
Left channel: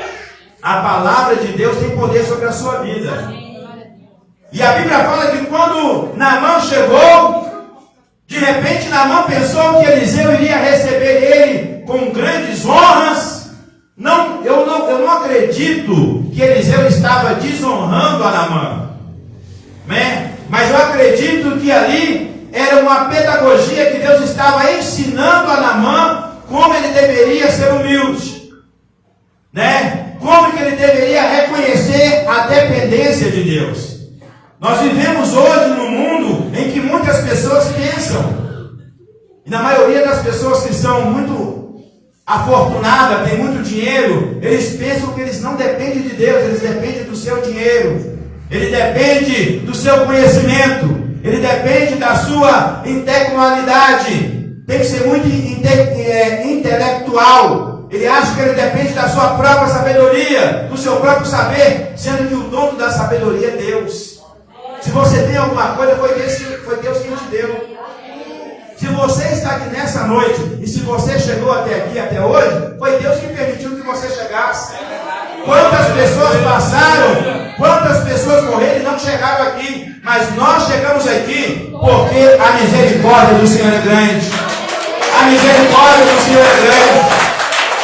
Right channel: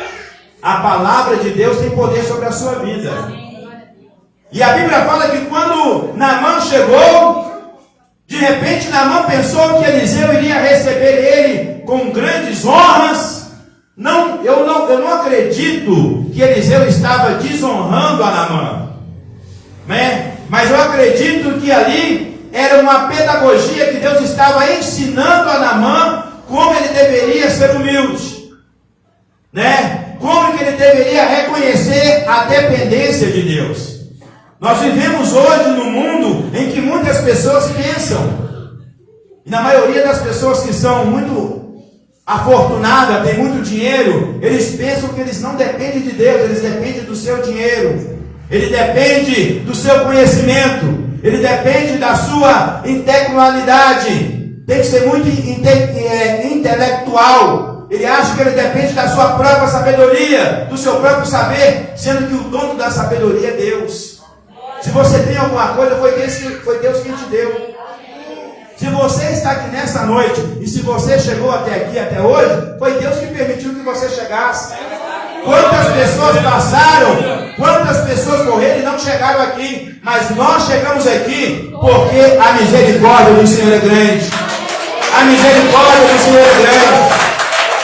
A palavra de Deus tem poder sobre a sua vida. E a Bíblia fala que quando Naamã chegou, de repente Naamã pensou que Eliseu iria receber ele com grandes honras. Eu não acredito que Eliseu estava desonrando a Naamã, né? Mas eu acredito que ali era uma pedagogia que Deus estava ensinando a Naamã como ele deveria ser humilde, né? Como que ele deveria reconhecer a dependência de Deus. Nós vivemos hoje num mundo em que muitas pessoas pensam, e na maioria das pessoas que são muito afortunadas, têm muito dinheiro, eles pensam que eles não dependem de Deus, eles dependem do seu dinheiro, ele depende do seu conhecimento, ele depende da sua intelectualidade, tem que ser muito intelectual. Ele acha que ele depende da sua própria sabedoria, do seu próprio saber, sendo que o dono da sabedoria é Deus. Se você tem alguma coisa, foi Deus quem te deu. Se você está aqui nessa noite, e se você chegou até aqui, até hoje, foi Deus que permitiu que você chegasse. Quantas pessoas passaram, quantas pessoas morreram e não chegaram aqui, mas nós chegamos aqui porque a misericórdia do Senhor é grande. A misericórdia do Senhor é grande.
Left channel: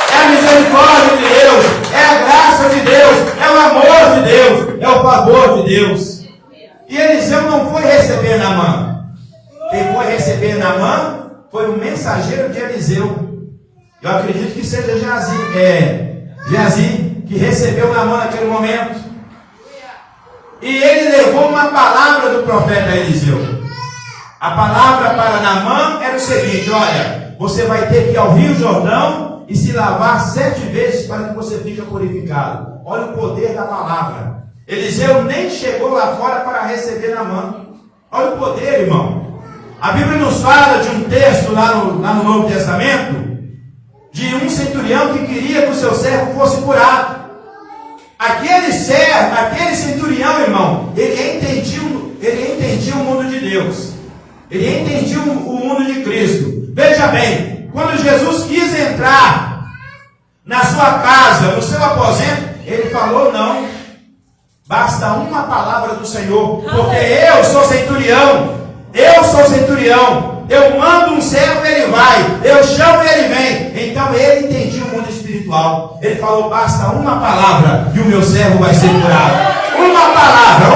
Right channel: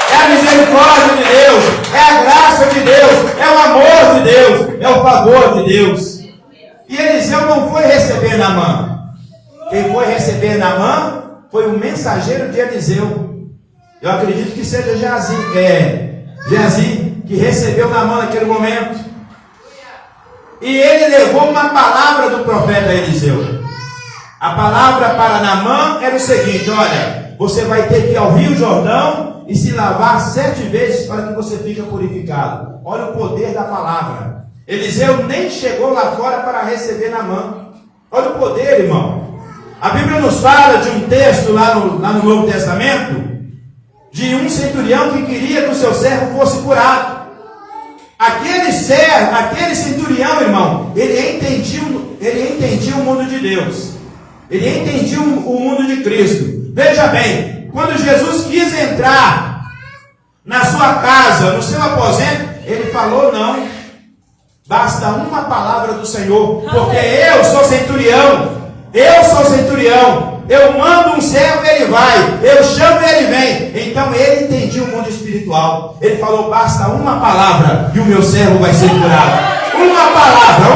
É a misericórdia de Deus, é a graça de Deus, é o amor de Deus, é o favor de Deus. E Eliseu não foi receber Naamã. Quem foi receber Naamã foi o mensageiro de Eliseu. Eu acredito que seja Geazi, que recebeu Naamã naquele momento. E ele levou uma palavra do profeta Eliseu. A palavra para Naamã era o seguinte: olha, você vai ter que ir ao Rio Jordão e se lavar 7 vezes para que você fique purificado. Olha o poder da palavra. Eliseu nem chegou lá fora para receber Naamã. Olha o poder, irmão. A Bíblia nos fala de um texto lá no Novo Testamento, de um centurião que queria que o seu servo fosse curado. Aquele centurião, irmão, ele entendia o mundo de Deus. Ele entendia o mundo de Cristo. Veja bem, quando Jesus quis entrar na sua casa, no seu aposento, ele falou: não, basta uma palavra do Senhor, porque eu sou centurião. Eu mando um servo e ele vai, eu chamo e ele vem. Então ele entendia o mundo espiritual. Ele falou: basta uma palavra e o meu servo vai ser curado. Uma palavra.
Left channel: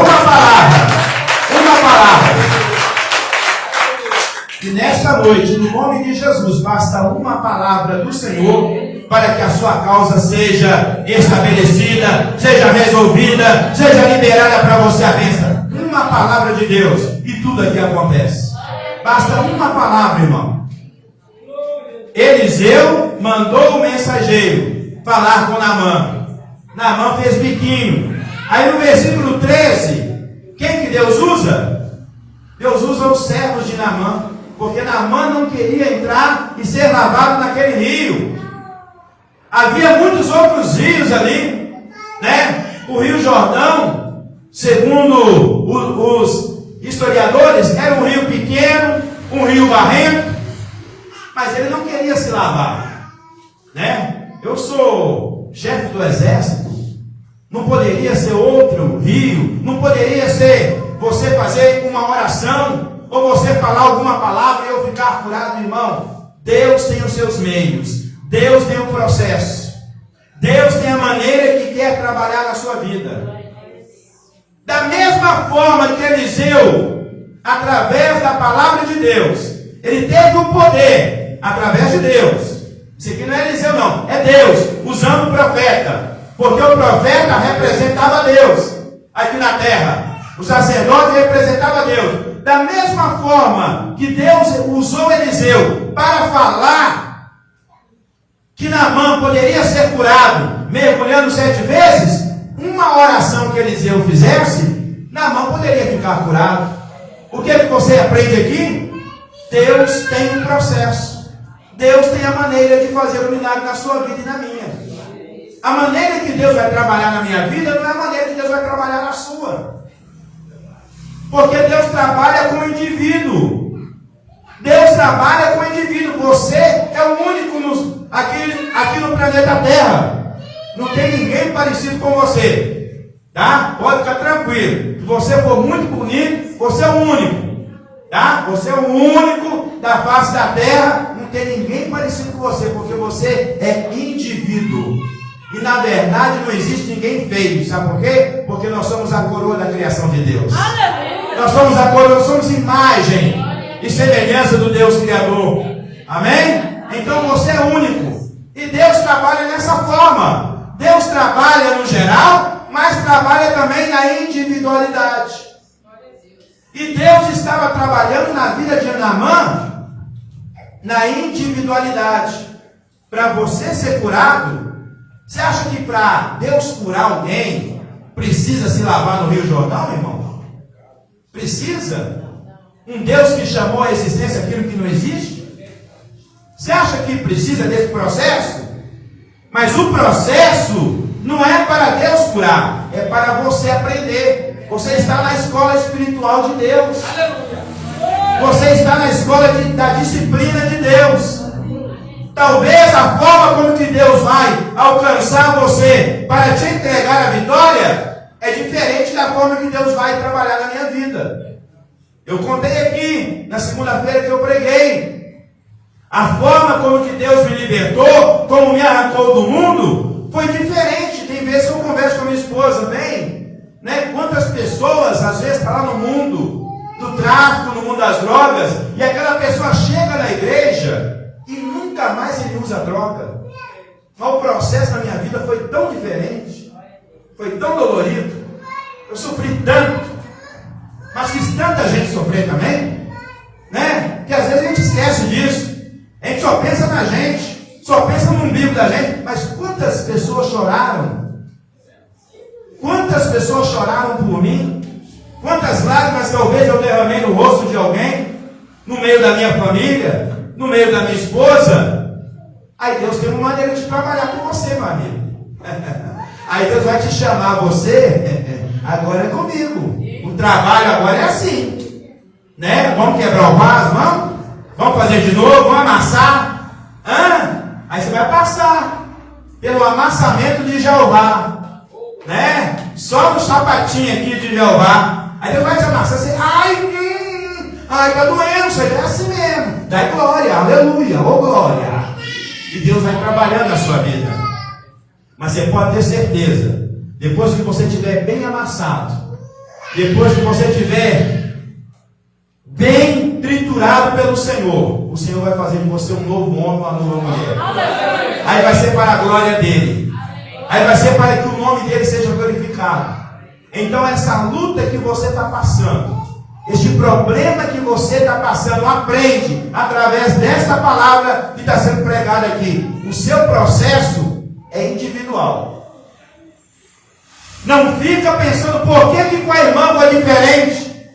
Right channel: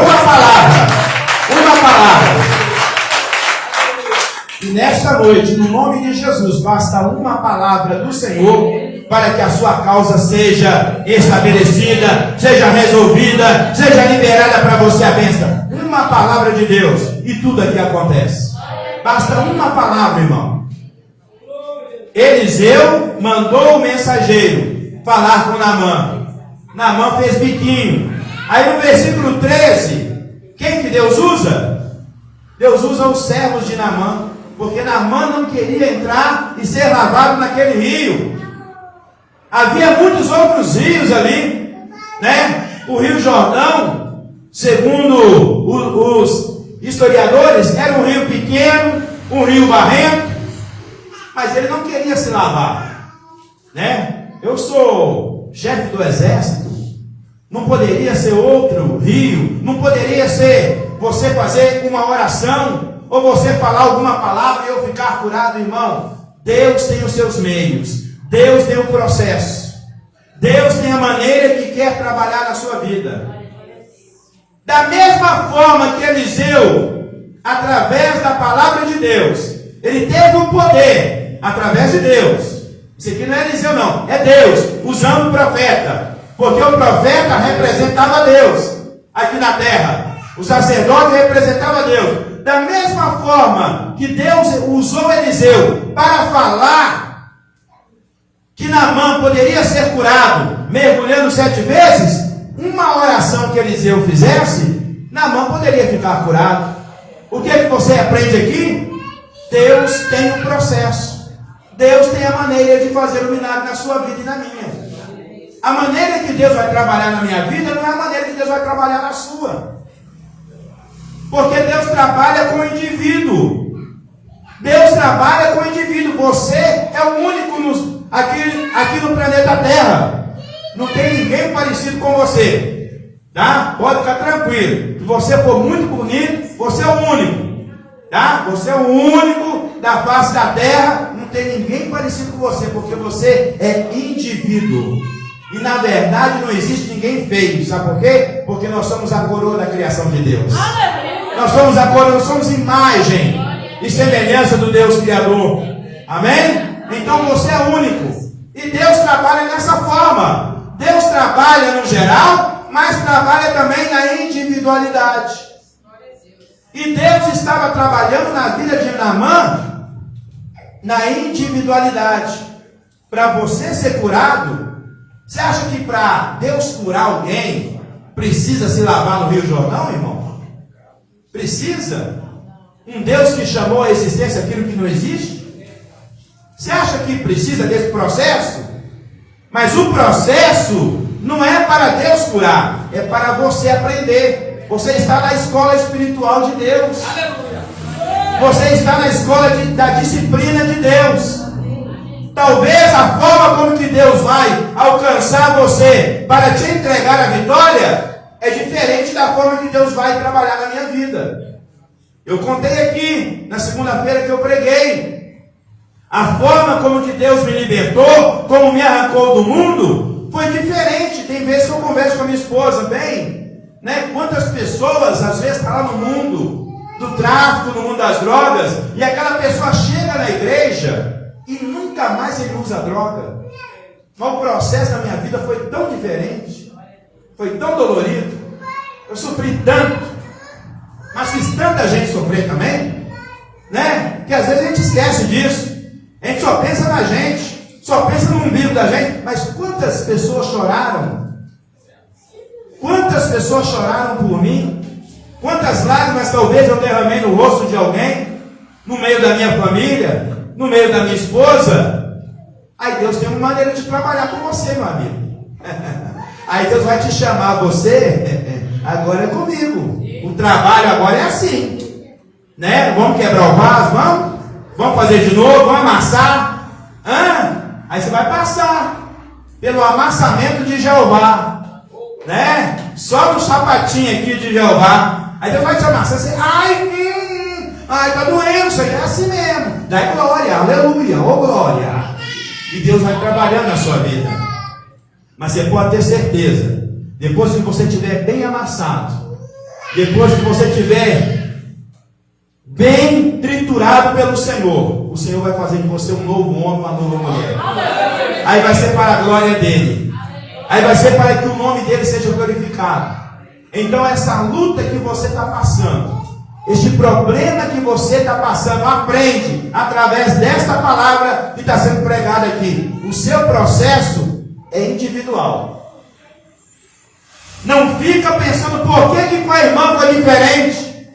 E nesta noite, no nome de Jesus, basta uma palavra do Senhor para que a sua causa seja estabelecida, seja resolvida, seja liberada para você a bênção. Uma palavra de Deus e tudo aqui acontece. Basta uma palavra, irmão. Eliseu mandou o mensageiro falar com Naamã. Naamã fez biquinho. Aí no versículo 13, quem que Deus usa? Deus usa os servos de Naamã, porque Naamã não queria entrar e ser lavado naquele rio. Havia muitos outros rios ali, né? O Rio Jordão, segundo os historiadores, era um rio pequeno, um rio barrento, mas ele não queria se lavar, né? Eu sou chefe do exército, não poderia ser outro rio, não poderia ser você fazer uma oração, ou você falar alguma palavra e eu ficar curado, irmão. Deus tem os seus meios, Deus tem o processo, Deus tem a maneira que quer trabalhar na sua vida. Da mesma forma que Eliseu, através da palavra de Deus, ele teve um poder através de Deus. Isso aqui não é Eliseu não, é Deus usando o profeta, porque o profeta representava Deus aqui na terra, o sacerdote representava Deus. Da mesma forma que Deus usou Eliseu para falar que Naamã poderia ser curado mergulhando 7 vezes, uma oração que Eliseu fizesse, Naamã poderia ficar curado. O que é que você aprende aqui? Deus tem um processo. Deus tem a maneira de fazer o milagre na sua vida e na minha. A maneira que Deus vai trabalhar na minha vida não é a maneira que Deus vai trabalhar na sua. Porque Deus trabalha com o indivíduo. Deus trabalha com o indivíduo. Você é o único aqui no planeta Terra. Não tem ninguém parecido com você. Tá? Pode ficar tranquilo. Se você for muito bonito, você é o único. Tá? Você é o único da face da Terra. Não tem ninguém parecido com você, porque você é indivíduo. E na verdade não existe ninguém feio. Sabe por quê? Porque nós somos a coroa da criação de Deus. Nós somos a coroa, nós somos imagem e semelhança do Deus Criador. Amém? Então você é único. E Deus trabalha nessa forma. Deus trabalha no geral, mas trabalha também na individualidade. E Deus estava trabalhando na vida de Naamã na individualidade. Para você ser curado, você acha que para Deus curar alguém precisa se lavar no Rio Jordão, irmão? Precisa? Um Deus que chamou à existência aquilo que não existe? Você acha que precisa desse processo? Mas o processo não é para Deus curar, é para você aprender. Você está na escola espiritual de Deus. Você está na escola da disciplina de Deus. Talvez a forma como que Deus vai alcançar você para te entregar a vitória é diferente da forma que Deus vai trabalhar na minha vida. Eu contei aqui na segunda-feira que eu preguei. A forma como que Deus me libertou, como me arrancou do mundo, foi diferente. Tem vezes que eu converso com a minha esposa, bem, né? Quantas pessoas às vezes estão lá no mundo do tráfico, no mundo das drogas, e aquela pessoa chega na igreja e nunca mais ele usa droga. Mas o processo na minha vida foi tão diferente, foi tão dolorido, eu sofri tanto, mas fiz tanta gente sofrer também, né? Que às vezes a gente esquece disso. A gente só pensa na gente, só pensa no umbigo da gente. Mas quantas pessoas choraram? Quantas pessoas choraram por mim? Quantas lágrimas talvez eu derramei no rosto de alguém? no meio da minha família, no meio da minha esposa. Aí Deus tem uma maneira de trabalhar com você, meu amigo. Aí Deus vai te chamar, você, agora é comigo. O trabalho agora é assim, né? Vamos quebrar o vaso, vamos fazer de novo, vamos amassar. Aí você vai passar pelo amassamento de Jeová, né? Só no sapatinho aqui de Jeová. Aí Deus vai te amassar, você, ai, tá doendo, isso aí é assim mesmo. Dá glória, aleluia, ô glória. E Deus vai trabalhando na sua vida. Mas você pode ter certeza, depois que você estiver bem amassado, depois que você estiver bem triturado pelo Senhor, o Senhor vai fazer de você um novo homem, uma nova mulher. Aí vai ser para a glória dele. Aí vai ser para que o nome dele seja glorificado. Então essa luta que você está passando, este problema que você está passando, aprende através desta palavra que está sendo pregada aqui. O seu processo é individual. Não fica pensando por que com a irmã foi diferente.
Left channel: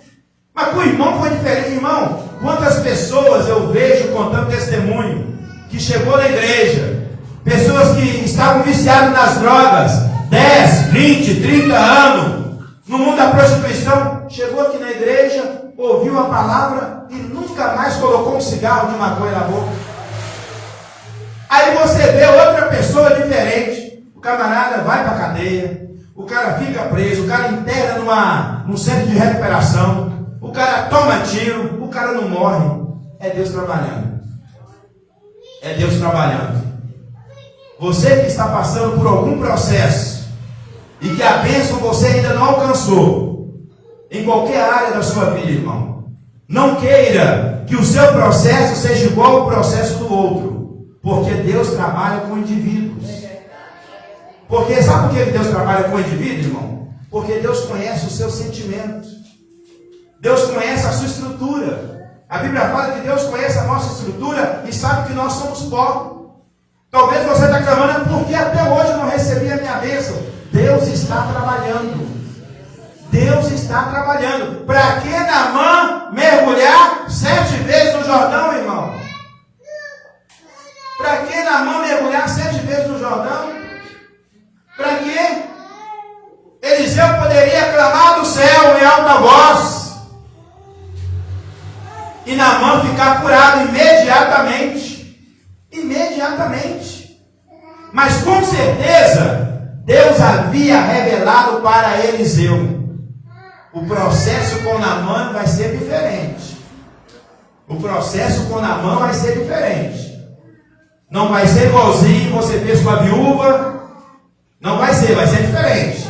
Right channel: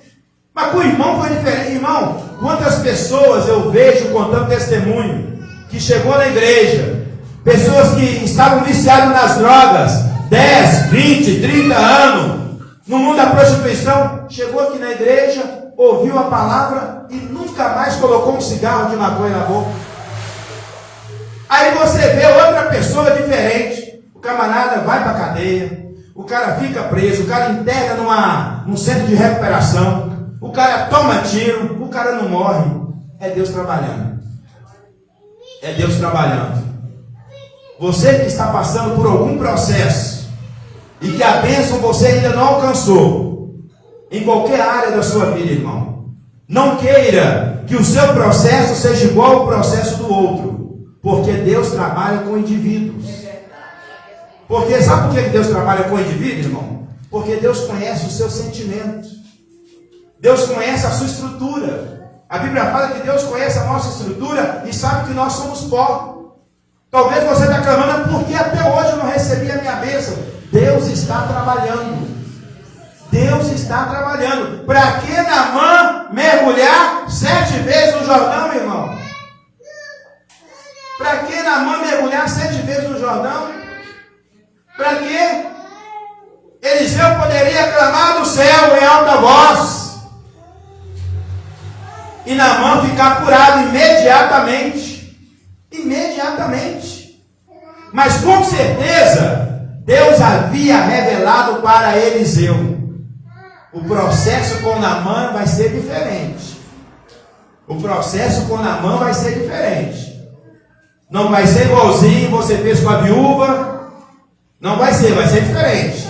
Mas com o irmão foi diferente. Irmão, quantas pessoas eu vejo contando testemunho que chegou na igreja, pessoas que estavam viciadas nas drogas, 10, 20, 30 anos, no mundo da prostituição, chegou aqui na igreja, ouviu a palavra e nunca mais colocou um cigarro de maconha na boca. Aí você vê outra pessoa diferente, o camarada vai para a cadeia, o cara fica preso, o cara interna num centro de recuperação, o cara toma tiro, o cara não morre. É Deus trabalhando. É Deus trabalhando. Você que está passando por algum processo e que a bênção você ainda não alcançou, em qualquer área da sua vida, irmão, não queira que o seu processo seja igual ao processo do outro. Porque Deus trabalha com indivíduos. Porque sabe por que Deus trabalha com indivíduos, irmão? Porque Deus conhece os seus sentimentos. Deus conhece a sua estrutura. A Bíblia fala que Deus conhece a nossa estrutura e sabe que nós somos pó. Talvez você está clamando, porque até hoje eu não recebi a minha bênção. Deus está trabalhando. Deus está trabalhando. Para que Naamã mergulhar 7 vezes no Jordão, irmão? Para que Naamã mergulhar 7 vezes no Jordão? Para que Eliseu poderia clamar do céu em alta voz e Naamã ficar curado imediatamente. Imediatamente. Mas com certeza Deus havia revelado para Eliseu: o processo com Naamã vai ser diferente. O processo com Naamã vai ser diferente. Não vai ser igualzinho você fez com a viúva. Não vai ser diferente.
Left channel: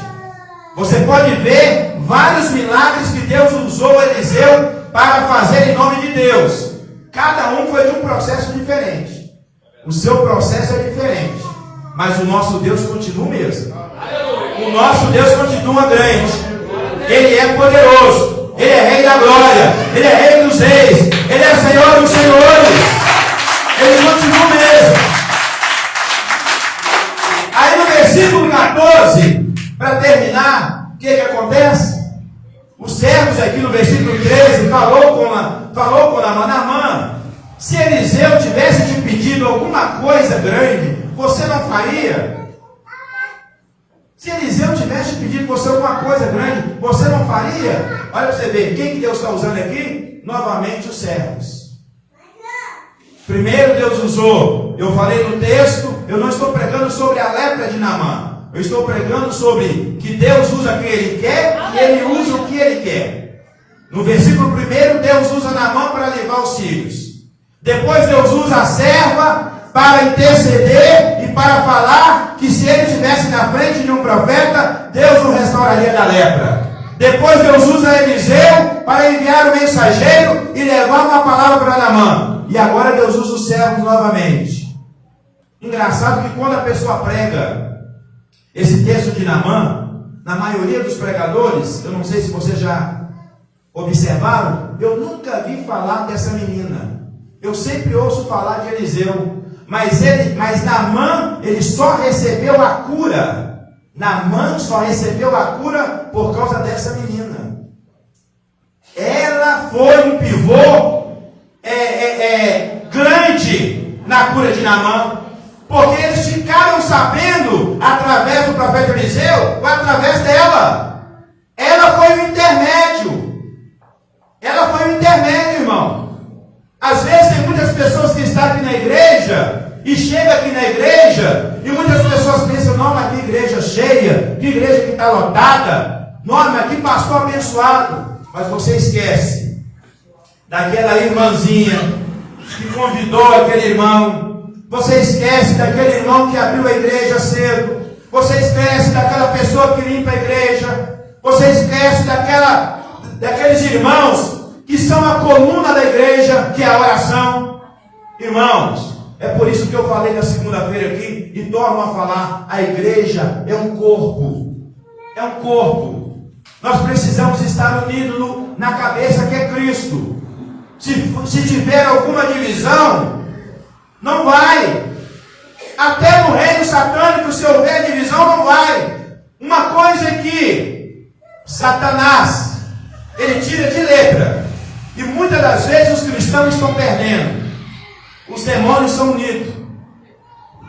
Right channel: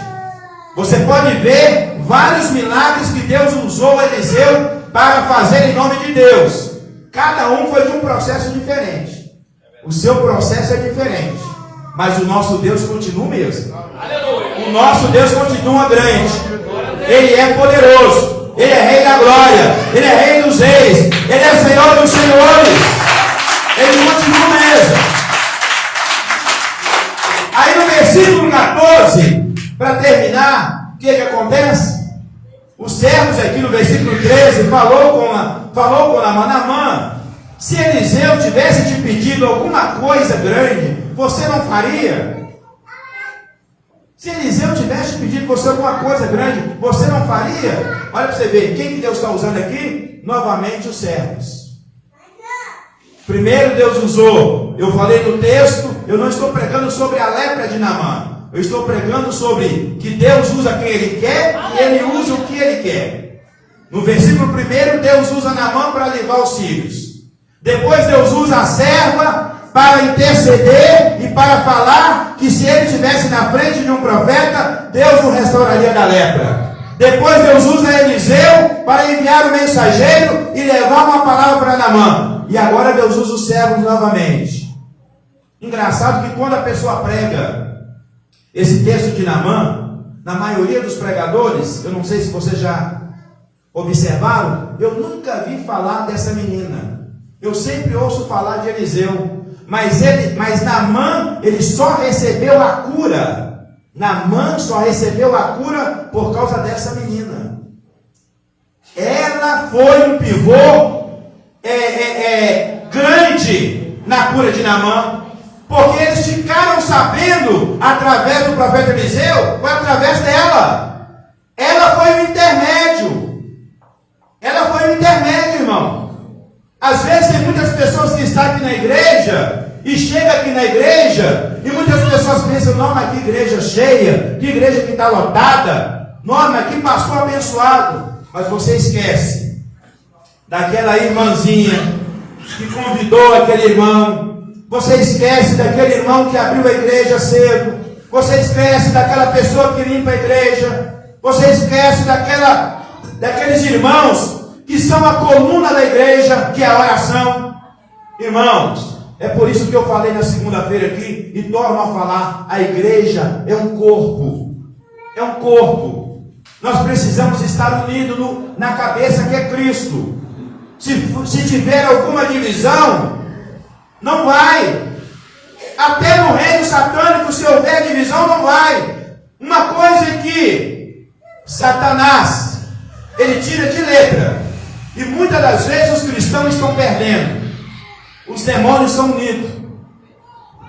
Você pode ver vários milagres que Deus usou Eliseu para fazer em nome de Deus. Cada um foi de um processo diferente. O seu processo é diferente, mas o nosso Deus continua o mesmo. O nosso Deus continua grande. Ele é poderoso. Ele é Rei da glória. Ele é Rei dos reis. Ele é Senhor dos senhores. Ele continua o mesmo. Aí no versículo 14, para terminar, o que acontece? Os servos aqui no versículo 13 falou com Naamã: se Eliseu tivesse te pedido alguma coisa grande, você não faria? Se Eliseu tivesse pedido você alguma coisa grande, você não faria? Olha para você ver, quem que Deus está usando aqui? Novamente os servos. Primeiro Deus usou, eu falei no texto, eu não estou pregando sobre a lepra de Naamã. Eu estou pregando sobre que Deus usa quem Ele quer e Ele usa o que Ele quer. No versículo 1, Deus usa Naamã para levar os filhos. Depois Deus usa a serva para interceder e para falar que se ele estivesse na frente de um profeta, Deus o restauraria da lepra. Depois Deus usa Eliseu para enviar o mensageiro e levar uma palavra para Naamã. E agora Deus usa os servos novamente. Engraçado que quando a pessoa prega esse texto de Naamã, na maioria dos pregadores, eu não sei se vocês já observaram, eu nunca vi falar dessa menina. Eu sempre ouço falar de Eliseu. Mas Naamã, ele só recebeu a cura. Naamã só recebeu a cura por causa dessa menina. Ela foi um pivô Naamã? Porque eles ficaram sabendo, através do profeta Eliseu, ou através dela. Ela foi o intermédio. Ela foi o intermédio, irmão. Às vezes tem muitas pessoas que estão aqui na igreja, e chega aqui na igreja, e muitas pessoas pensam, não, mas que igreja cheia, que igreja que está lotada, não, mas que pastor abençoado. Mas você esquece daquela irmãzinha que convidou aquele irmão. Você esquece daquele irmão que abriu a igreja cedo. Você esquece daquela pessoa que limpa a igreja. Você esquece daqueles irmãos que são a coluna da igreja, que é a oração. Irmãos, é por isso que eu falei na segunda-feira aqui e torno a falar: a igreja é um corpo. É um corpo. Nós precisamos estar unidos na cabeça que é Cristo. Se tiver alguma divisão, não vai. Até no reino satânico, se houver divisão, não vai. Uma coisa é que Satanás, ele tira de letra. E muitas das vezes os cristãos estão perdendo. Os demônios são unidos.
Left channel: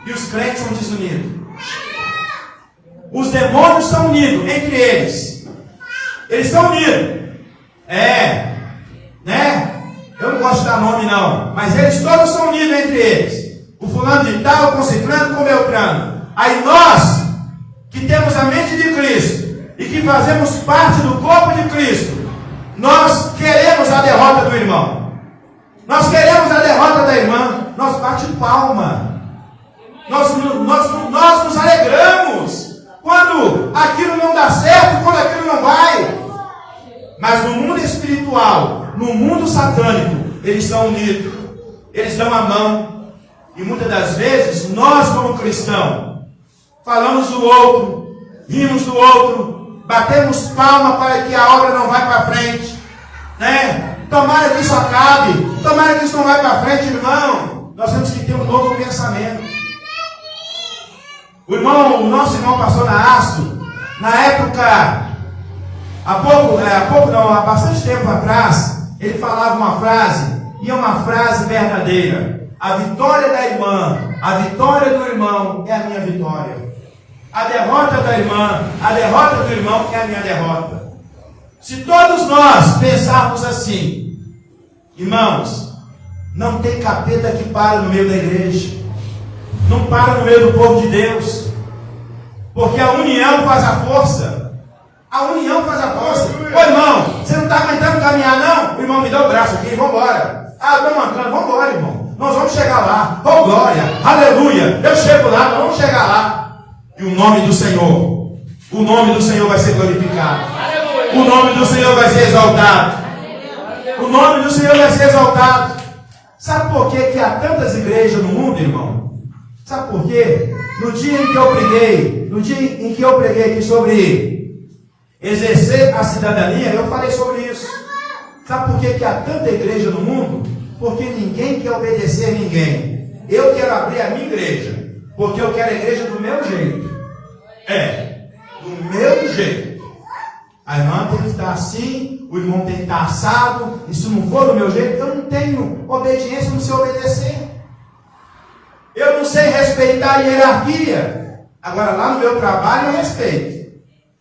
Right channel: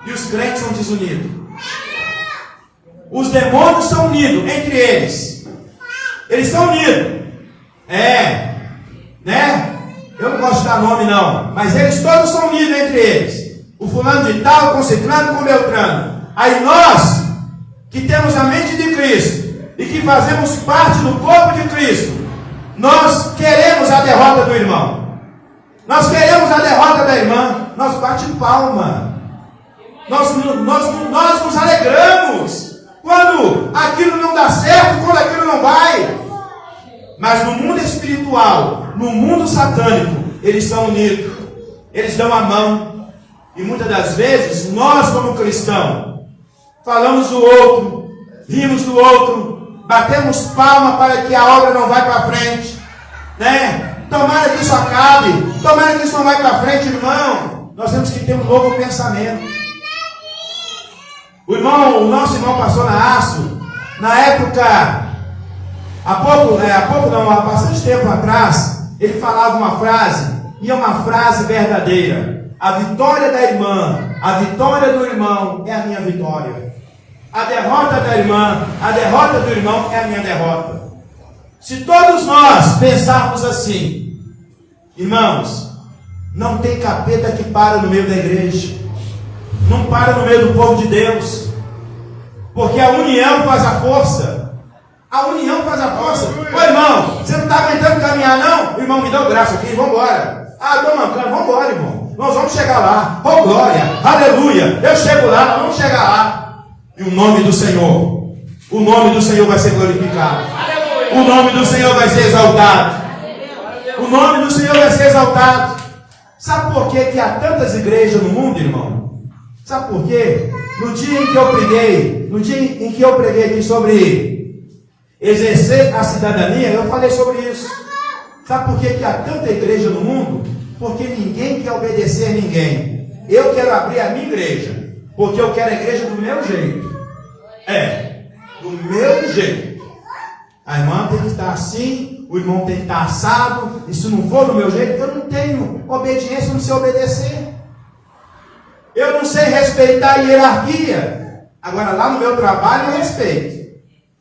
E os crentes são desunidos. Os demônios são unidos entre eles. Eles são unidos. Né? Eu não gosto de dar nome não. Mas eles todos são unidos entre eles. O fulano de tal, com ciclano, com beltrano. Aí nós, que temos a mente de Cristo, e que fazemos parte do corpo de Cristo, nós queremos a derrota do irmão. Nós queremos a derrota da irmã. Nós bate palma. Nós nos alegramos quando aquilo não dá certo, quando aquilo não vai. Mas no mundo espiritual, no mundo satânico, eles são unidos. Eles dão a mão. E muitas das vezes, nós como cristãos, falamos do outro, rimos do outro, batemos palma para que a obra não vá para frente, né? Tomara que isso acabe, tomara que isso não vai para frente, irmão. Nós temos que ter um novo pensamento. O nosso irmão pastor Naasco, na época, há bastante tempo atrás, ele falava uma frase, e é uma frase verdadeira: a vitória da irmã, a vitória do irmão é a minha vitória. A derrota da irmã, a derrota do irmão é a minha derrota. Se todos nós pensarmos assim, irmãos, não tem capeta que para no meio da igreja, não para no meio do povo de Deus, porque a união faz a força. A união faz a força. Ô irmão, você não está aguentando caminhar não? Irmão, me dá o braço aqui, vamos embora. Estou mancando, vamos embora, irmão. Nós vamos chegar lá. Oh glória, aleluia. Eu chego lá, nós vamos chegar lá. E o nome do Senhor vai ser glorificado. O nome do Senhor vai ser exaltado. O nome do Senhor vai ser exaltado. Sabe por que há tantas igrejas no mundo, irmão? Sabe por quê? No dia em que eu preguei aqui sobre exercer a cidadania, eu falei sobre isso. Sabe por que há tanta igreja no mundo? Porque ninguém quer obedecer a ninguém. Eu quero abrir a minha igreja, porque eu quero a igreja do meu jeito. Do meu jeito. A irmã tem que estar assim, o irmão tem que estar assado, e se não for do meu jeito, eu não tenho obediência, não sei obedecer. Eu não sei respeitar a hierarquia. Agora lá no meu trabalho eu respeito.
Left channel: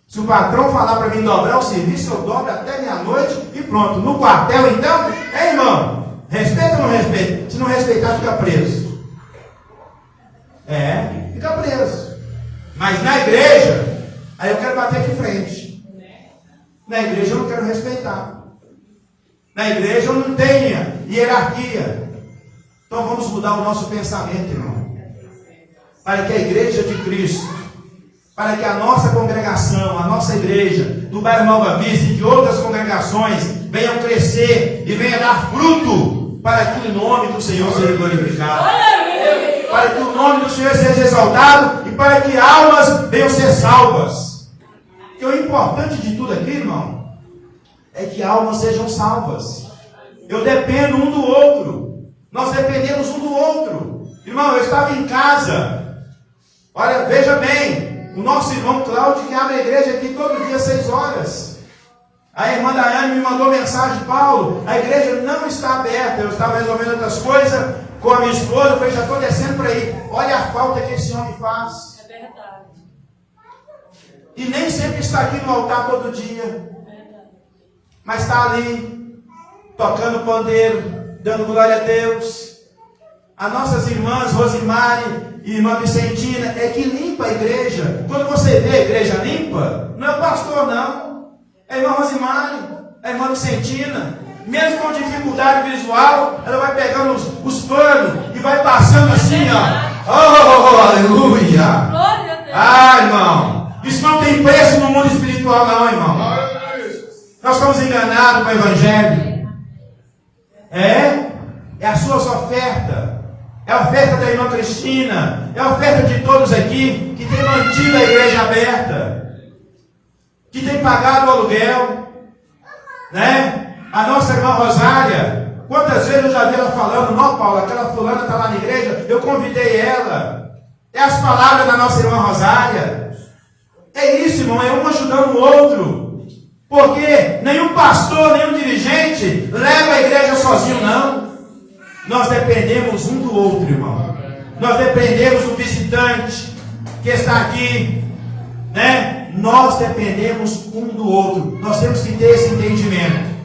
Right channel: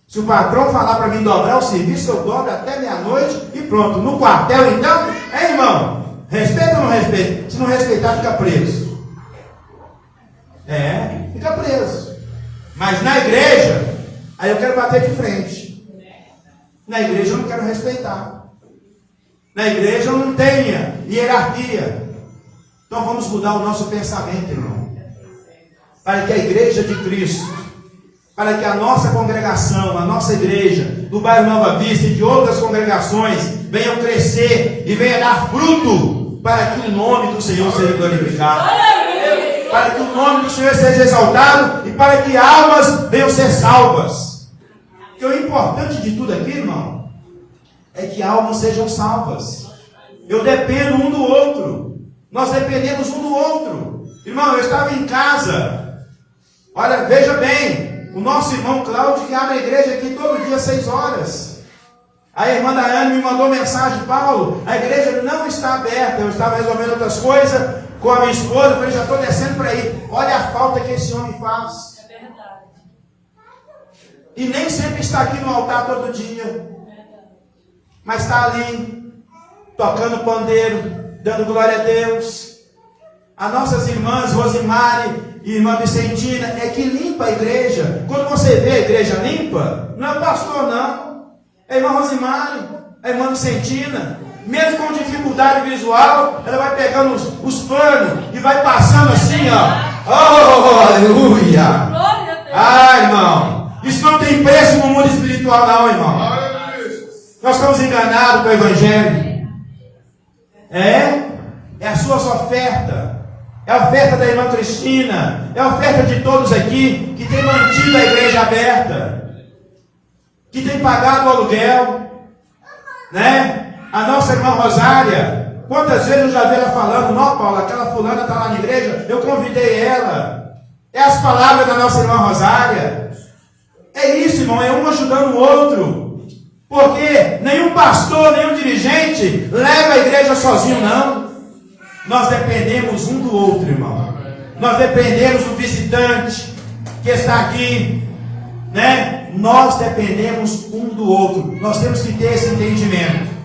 Se o patrão falar para mim dobrar o serviço, eu dobro até meia-noite e pronto. No quartel então, irmão? Respeita ou não respeita? Se não respeitar, fica preso. Fica preso. Mas na igreja, aí eu quero bater de frente. Na igreja eu não quero respeitar. Na igreja eu não tenho hierarquia. Então vamos mudar o nosso pensamento, irmão. Para que a igreja de Cristo, para que a nossa congregação, a nossa igreja, do bairro Nova Vista e de outras congregações, venham crescer e venham dar fruto, para que o nome do Senhor seja glorificado, para que o nome do Senhor seja exaltado e para que almas venham ser salvas. Porque o importante de tudo aqui, irmão, é que almas sejam salvas. Eu dependo um do outro, nós dependemos um do outro. Irmão, eu estava em casa, olha, veja bem, o nosso irmão Cláudio que abre a igreja aqui todo dia às 6 horas. A irmã Daiane me mandou mensagem: Paulo, a igreja não está aberta. Eu estava resolvendo outras coisas com a minha esposa. Eu falei: já estou descendo para aí. Olha a falta que esse homem faz. É verdade. E nem sempre está aqui no altar todo dia. Mas está ali, tocando pandeiro, dando glória a Deus. As nossas irmãs Rosimari e irmã Vicentina é que limpa a igreja. Quando você vê a igreja limpa, não é o pastor não. É a irmã Rosimari, a irmã Vicentina. Mesmo com dificuldade visual, ela vai pegando os panos e vai passando assim, ó. Oh, aleluia! Glória a Deus. Ah, irmão, isso não tem preço no mundo espiritual não, irmão. Nós estamos enganados com o evangelho. É a sua oferta. É a oferta da irmã Cristina. É a oferta de todos aqui que tem mantido a igreja aberta, que tem pagado o aluguel, né? A nossa irmã Rosária, quantas vezes eu já vi ela falando: não, Paulo, aquela fulana está lá na igreja, eu convidei ela. É as palavras da nossa irmã Rosária. É isso, irmão, é um ajudando o outro. Porque nenhum pastor, nenhum dirigente leva a igreja sozinho, não. Nós dependemos um do outro, irmão. Nós dependemos do visitante que está aqui, né? Nós dependemos um do outro. Nós temos que ter esse entendimento.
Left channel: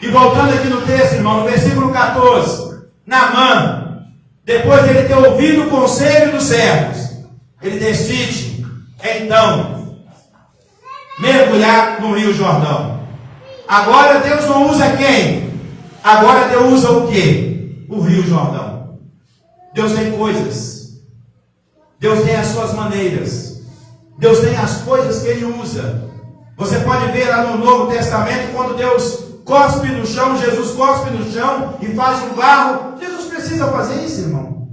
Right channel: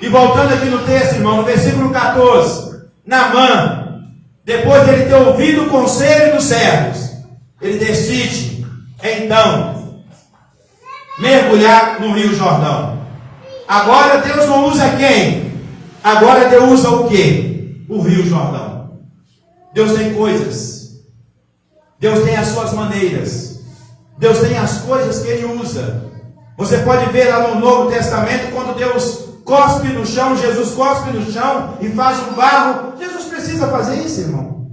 E voltando aqui no texto, irmão, no versículo 14, Naamã, depois de ele ter ouvido o conselho dos servos, ele decide, então, mergulhar no Rio Jordão. Agora Deus não usa quem? Agora Deus usa o quê? O Rio Jordão. Deus tem coisas. Deus tem as suas maneiras. Deus tem as coisas que Ele usa. Você pode ver lá no Novo Testamento, quando Deus cospe no chão, Jesus cospe no chão e faz um barro. Jesus precisa fazer isso, irmão.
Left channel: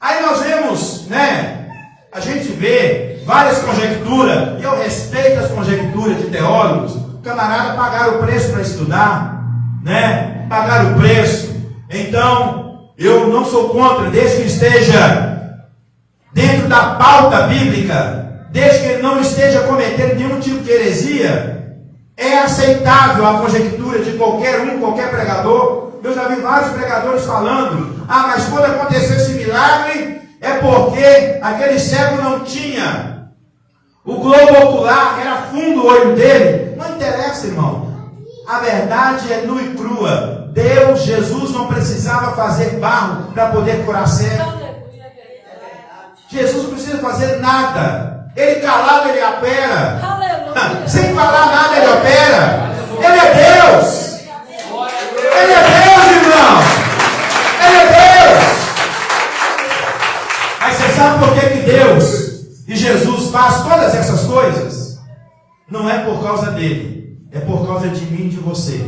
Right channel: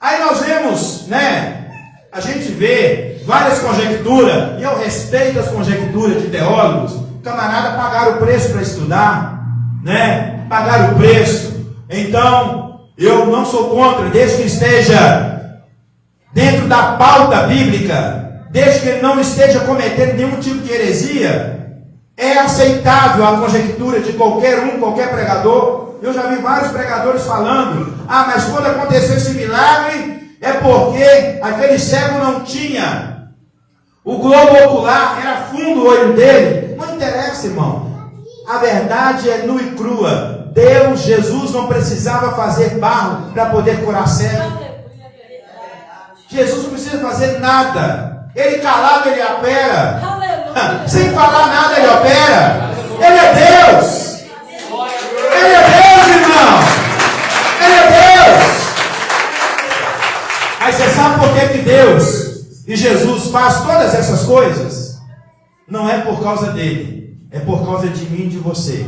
Aí nós vemos, né? A gente vê várias conjecturas, e eu respeito as conjecturas de teólogos. Camarada, pagaram o preço para estudar, né? Pagaram o preço. Então, eu não sou contra, desde que esteja dentro da pauta bíblica, desde que ele não esteja cometendo nenhum tipo de heresia. É aceitável a conjectura de qualquer um, qualquer pregador. Eu já vi vários pregadores falando: ah, mas quando aconteceu esse milagre, é porque aquele cego não tinha o globo ocular, era fundo o olho dele. Não interessa, irmão. A verdade é nua e crua. Deus, Jesus não precisava fazer barro para poder curar cego. Jesus não precisa fazer nada. Ele calado, ele opera. Sem falar nada, ele opera. Ele é Deus. Ele é Deus, irmão. Ele é Deus. Aí você sabe por que Deus e Jesus faz todas essas coisas? Não é por causa dele, é por causa de mim e de você.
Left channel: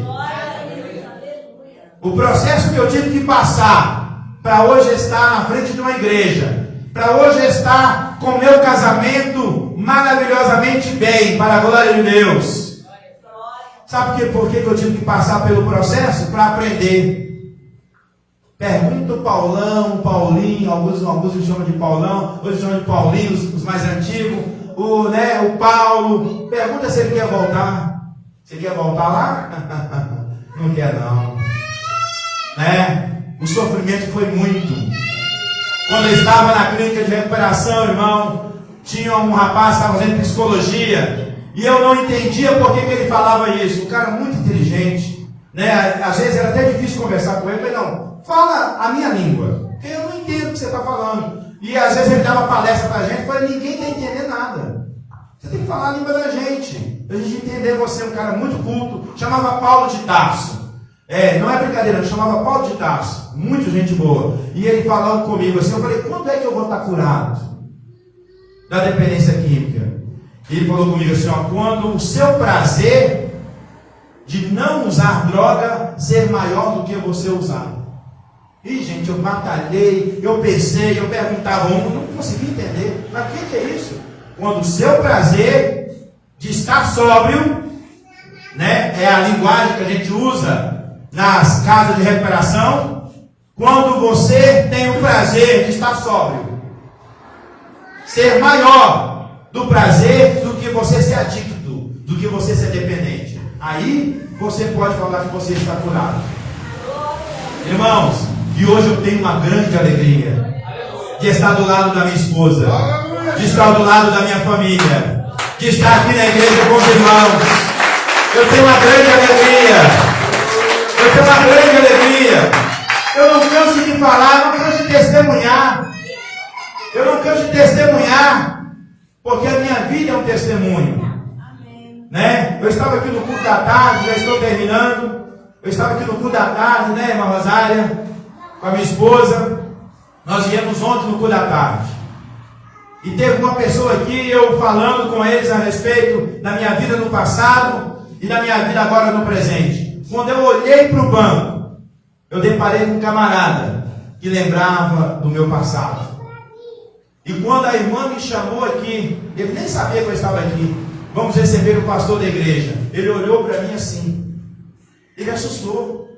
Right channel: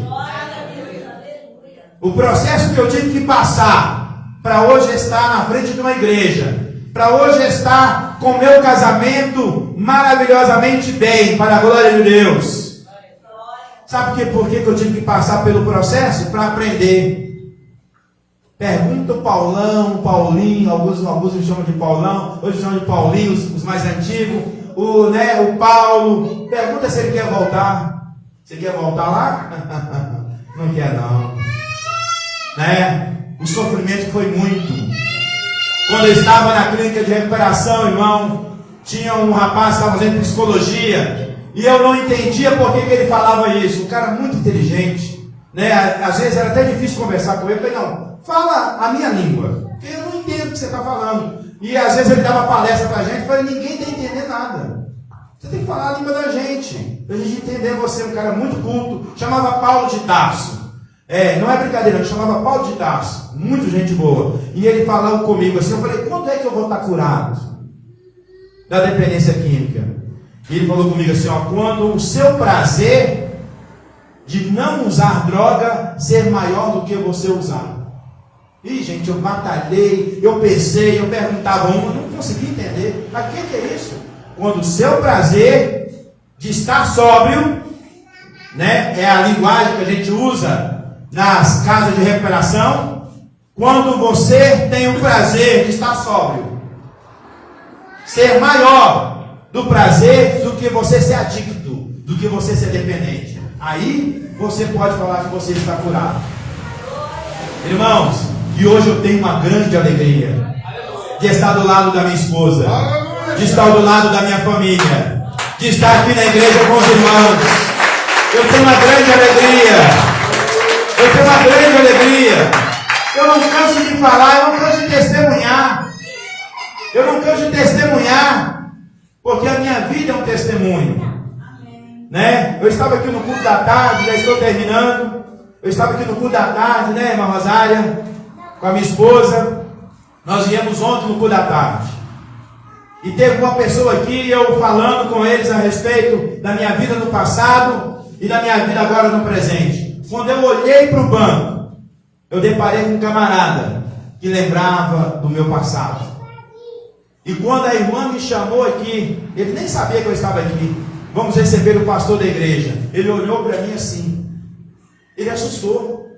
O processo que eu tive que passar para hoje estar na frente de uma igreja, para hoje estar com meu casamento maravilhosamente bem, para a glória de Deus. Sabe por que eu tive que passar pelo processo? Para aprender. Pergunta o Paulão, Paulinho, alguns chamam de Paulão, outros chamam de Paulinho, os mais antigos, o Paulo. Pergunta se ele quer voltar. Você quer voltar lá? Não quer não. Né? O sofrimento foi muito. Quando eu estava na clínica de recuperação, irmão, tinha um rapaz que estava fazendo psicologia, e eu não entendia por que ele falava isso. Um cara muito inteligente, né? Às vezes era até difícil conversar com ele. Eu falei: não, fala a minha língua, porque eu não entendo o que você está falando. E às vezes ele dava palestra para a gente. Eu falei: ninguém está entendendo nada. Você tem que falar a língua da gente, para a gente entender você. Um cara muito culto, chamava Paulo de Tarso. Não é brincadeira, eu chamava Paulo de Tarso, muito gente boa. E ele falando comigo assim, eu falei: quando é que eu vou estar curado da dependência química? E ele falou comigo assim: ó, quando o seu prazer de não usar droga ser maior do que você usar. E gente, eu batalhei, eu pensei, eu perguntava eu não consegui entender. Mas o que é isso? Quando o seu prazer de estar sóbrio, né, é a linguagem que a gente usa nas casas de recuperação, quando você tem o prazer de estar sóbrio, ser maior do prazer do que você ser adicto, do que você ser dependente. Aí você pode falar que você está curado. Irmãos, e hoje eu tenho uma grande alegria de estar do lado da minha esposa, de estar do lado da minha família, de estar aqui na igreja com os irmãos. Eu tenho uma grande alegria. Eu tenho uma grande alegria. Eu não canso de falar, eu não canso de testemunhar. Eu não canso de testemunhar, porque a minha vida é um testemunho. Né? Eu estava aqui no culto da tarde, já estou terminando. Eu estava aqui no culto da tarde, né, irmã Rosária, com a minha esposa. Nós viemos ontem no culto da tarde. E teve uma pessoa aqui, eu falando com eles a respeito da minha vida no passado e da minha vida agora no presente. Quando eu olhei para o banco, eu deparei com um camarada que lembrava do meu passado. E quando a irmã me chamou aqui, ele nem sabia que eu estava aqui. Vamos receber o pastor da igreja. Ele olhou para mim assim. Ele assustou.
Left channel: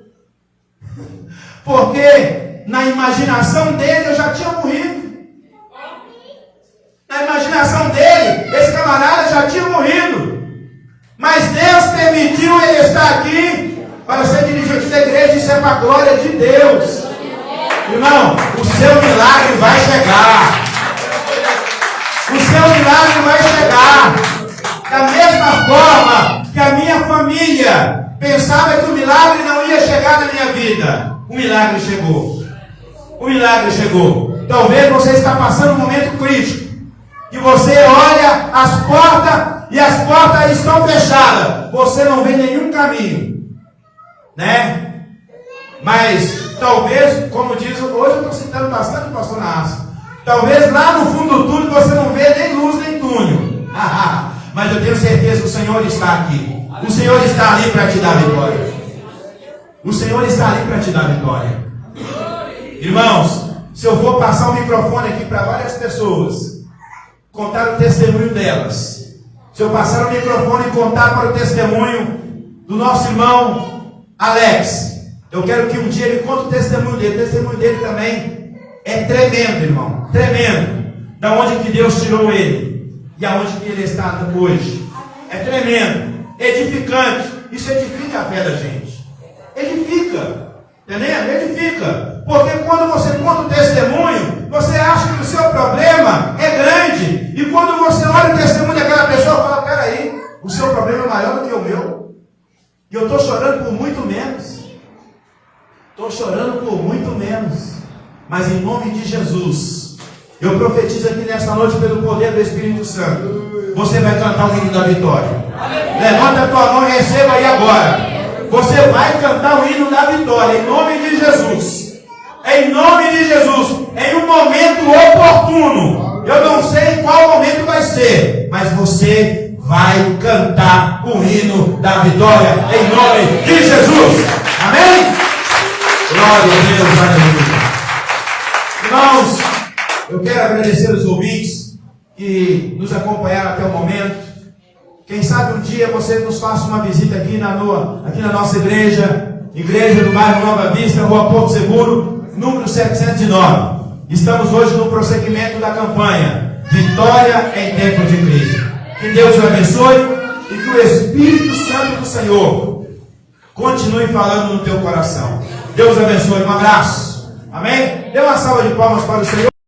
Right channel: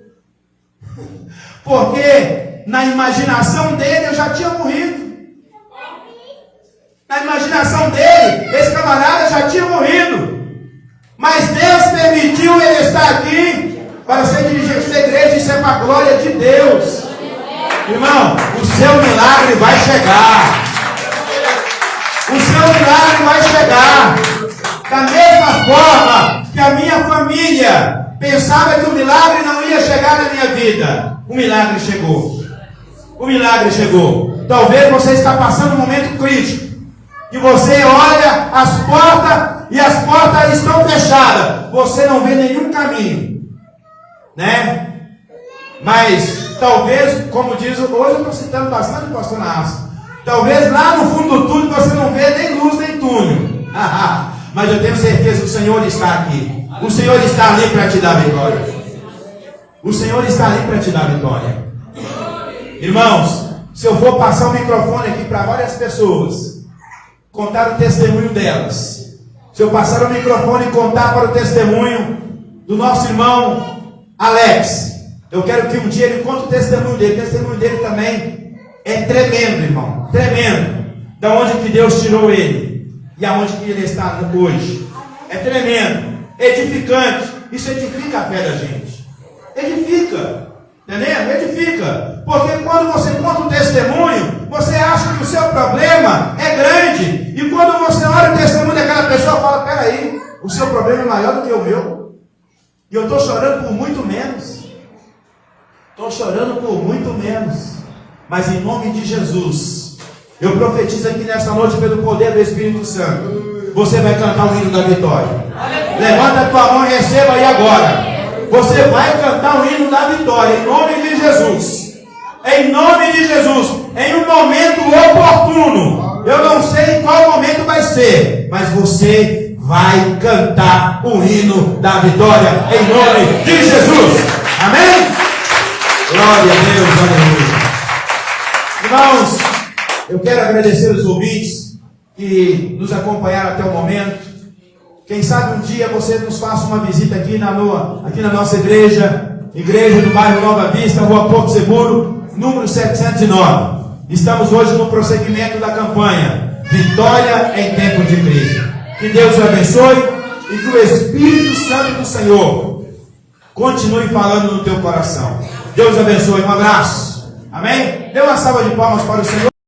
Porque na imaginação dele eu já tinha morrido. Na imaginação dele, esse camarada já tinha morrido. Mas Deus permitiu ele estar aqui para ser dirigente da igreja. Isso é para a glória de Deus. Irmão, o seu milagre vai chegar. O seu milagre vai chegar. Da mesma forma que a minha família pensava que o milagre não ia chegar na minha vida, o milagre chegou. O milagre chegou. Talvez você está passando um momento crítico, que você olha as portas e as portas estão fechadas. Você não vê nenhum caminho, né? Mas talvez, como diz, hoje eu estou citando bastante o pastor Nassi. Talvez lá no fundo do túnel você não vê nem luz nem túnel. Mas eu tenho certeza que o Senhor está aqui. O Senhor está ali para te dar vitória. O Senhor está ali para te dar vitória. Irmãos, se eu for passar o microfone aqui para várias pessoas, contar o testemunho delas. Se eu passar o microfone e contar para o testemunho do nosso irmão Alex, eu quero que um dia ele conte o testemunho dele. O testemunho dele também é tremendo, irmão. Tremendo. Da onde que Deus tirou ele e aonde que ele está hoje. É tremendo. Edificante. Isso edifica a fé da gente. Edifica. Entendeu? Edifica. Porque quando você conta o testemunho, você acha que o seu problema é grande. E quando você olha o testemunho daquela pessoa, fala, peraí, o seu problema é maior do que o meu. E eu estou chorando por muito menos. Estou chorando por muito menos. Mas em nome de Jesus, eu profetizo aqui nessa noite pelo poder do Espírito Santo. Você vai cantar o hino da vitória. Levanta a tua mão e receba aí agora. Você vai cantar o hino da vitória, em nome de Jesus. Em nome de Jesus. Em um momento oportuno. Eu não sei qual momento vai ser, mas você vai cantar o hino da vitória, em nome de Jesus. Amém? Glória a Deus, aleluia. Irmãos, eu quero agradecer os ouvintes que nos acompanharam até o momento. Quem sabe um dia você nos faça uma visita aqui na nossa igreja do bairro Nova Vista, Rua Porto Seguro, número 709. Estamos hoje no prosseguimento da campanha Vitória em Tempo de Crise. Que Deus o abençoe e que o Espírito Santo do Senhor continue falando no teu coração. Deus abençoe. Um abraço. Amém? Dê uma salva de palmas para o Senhor.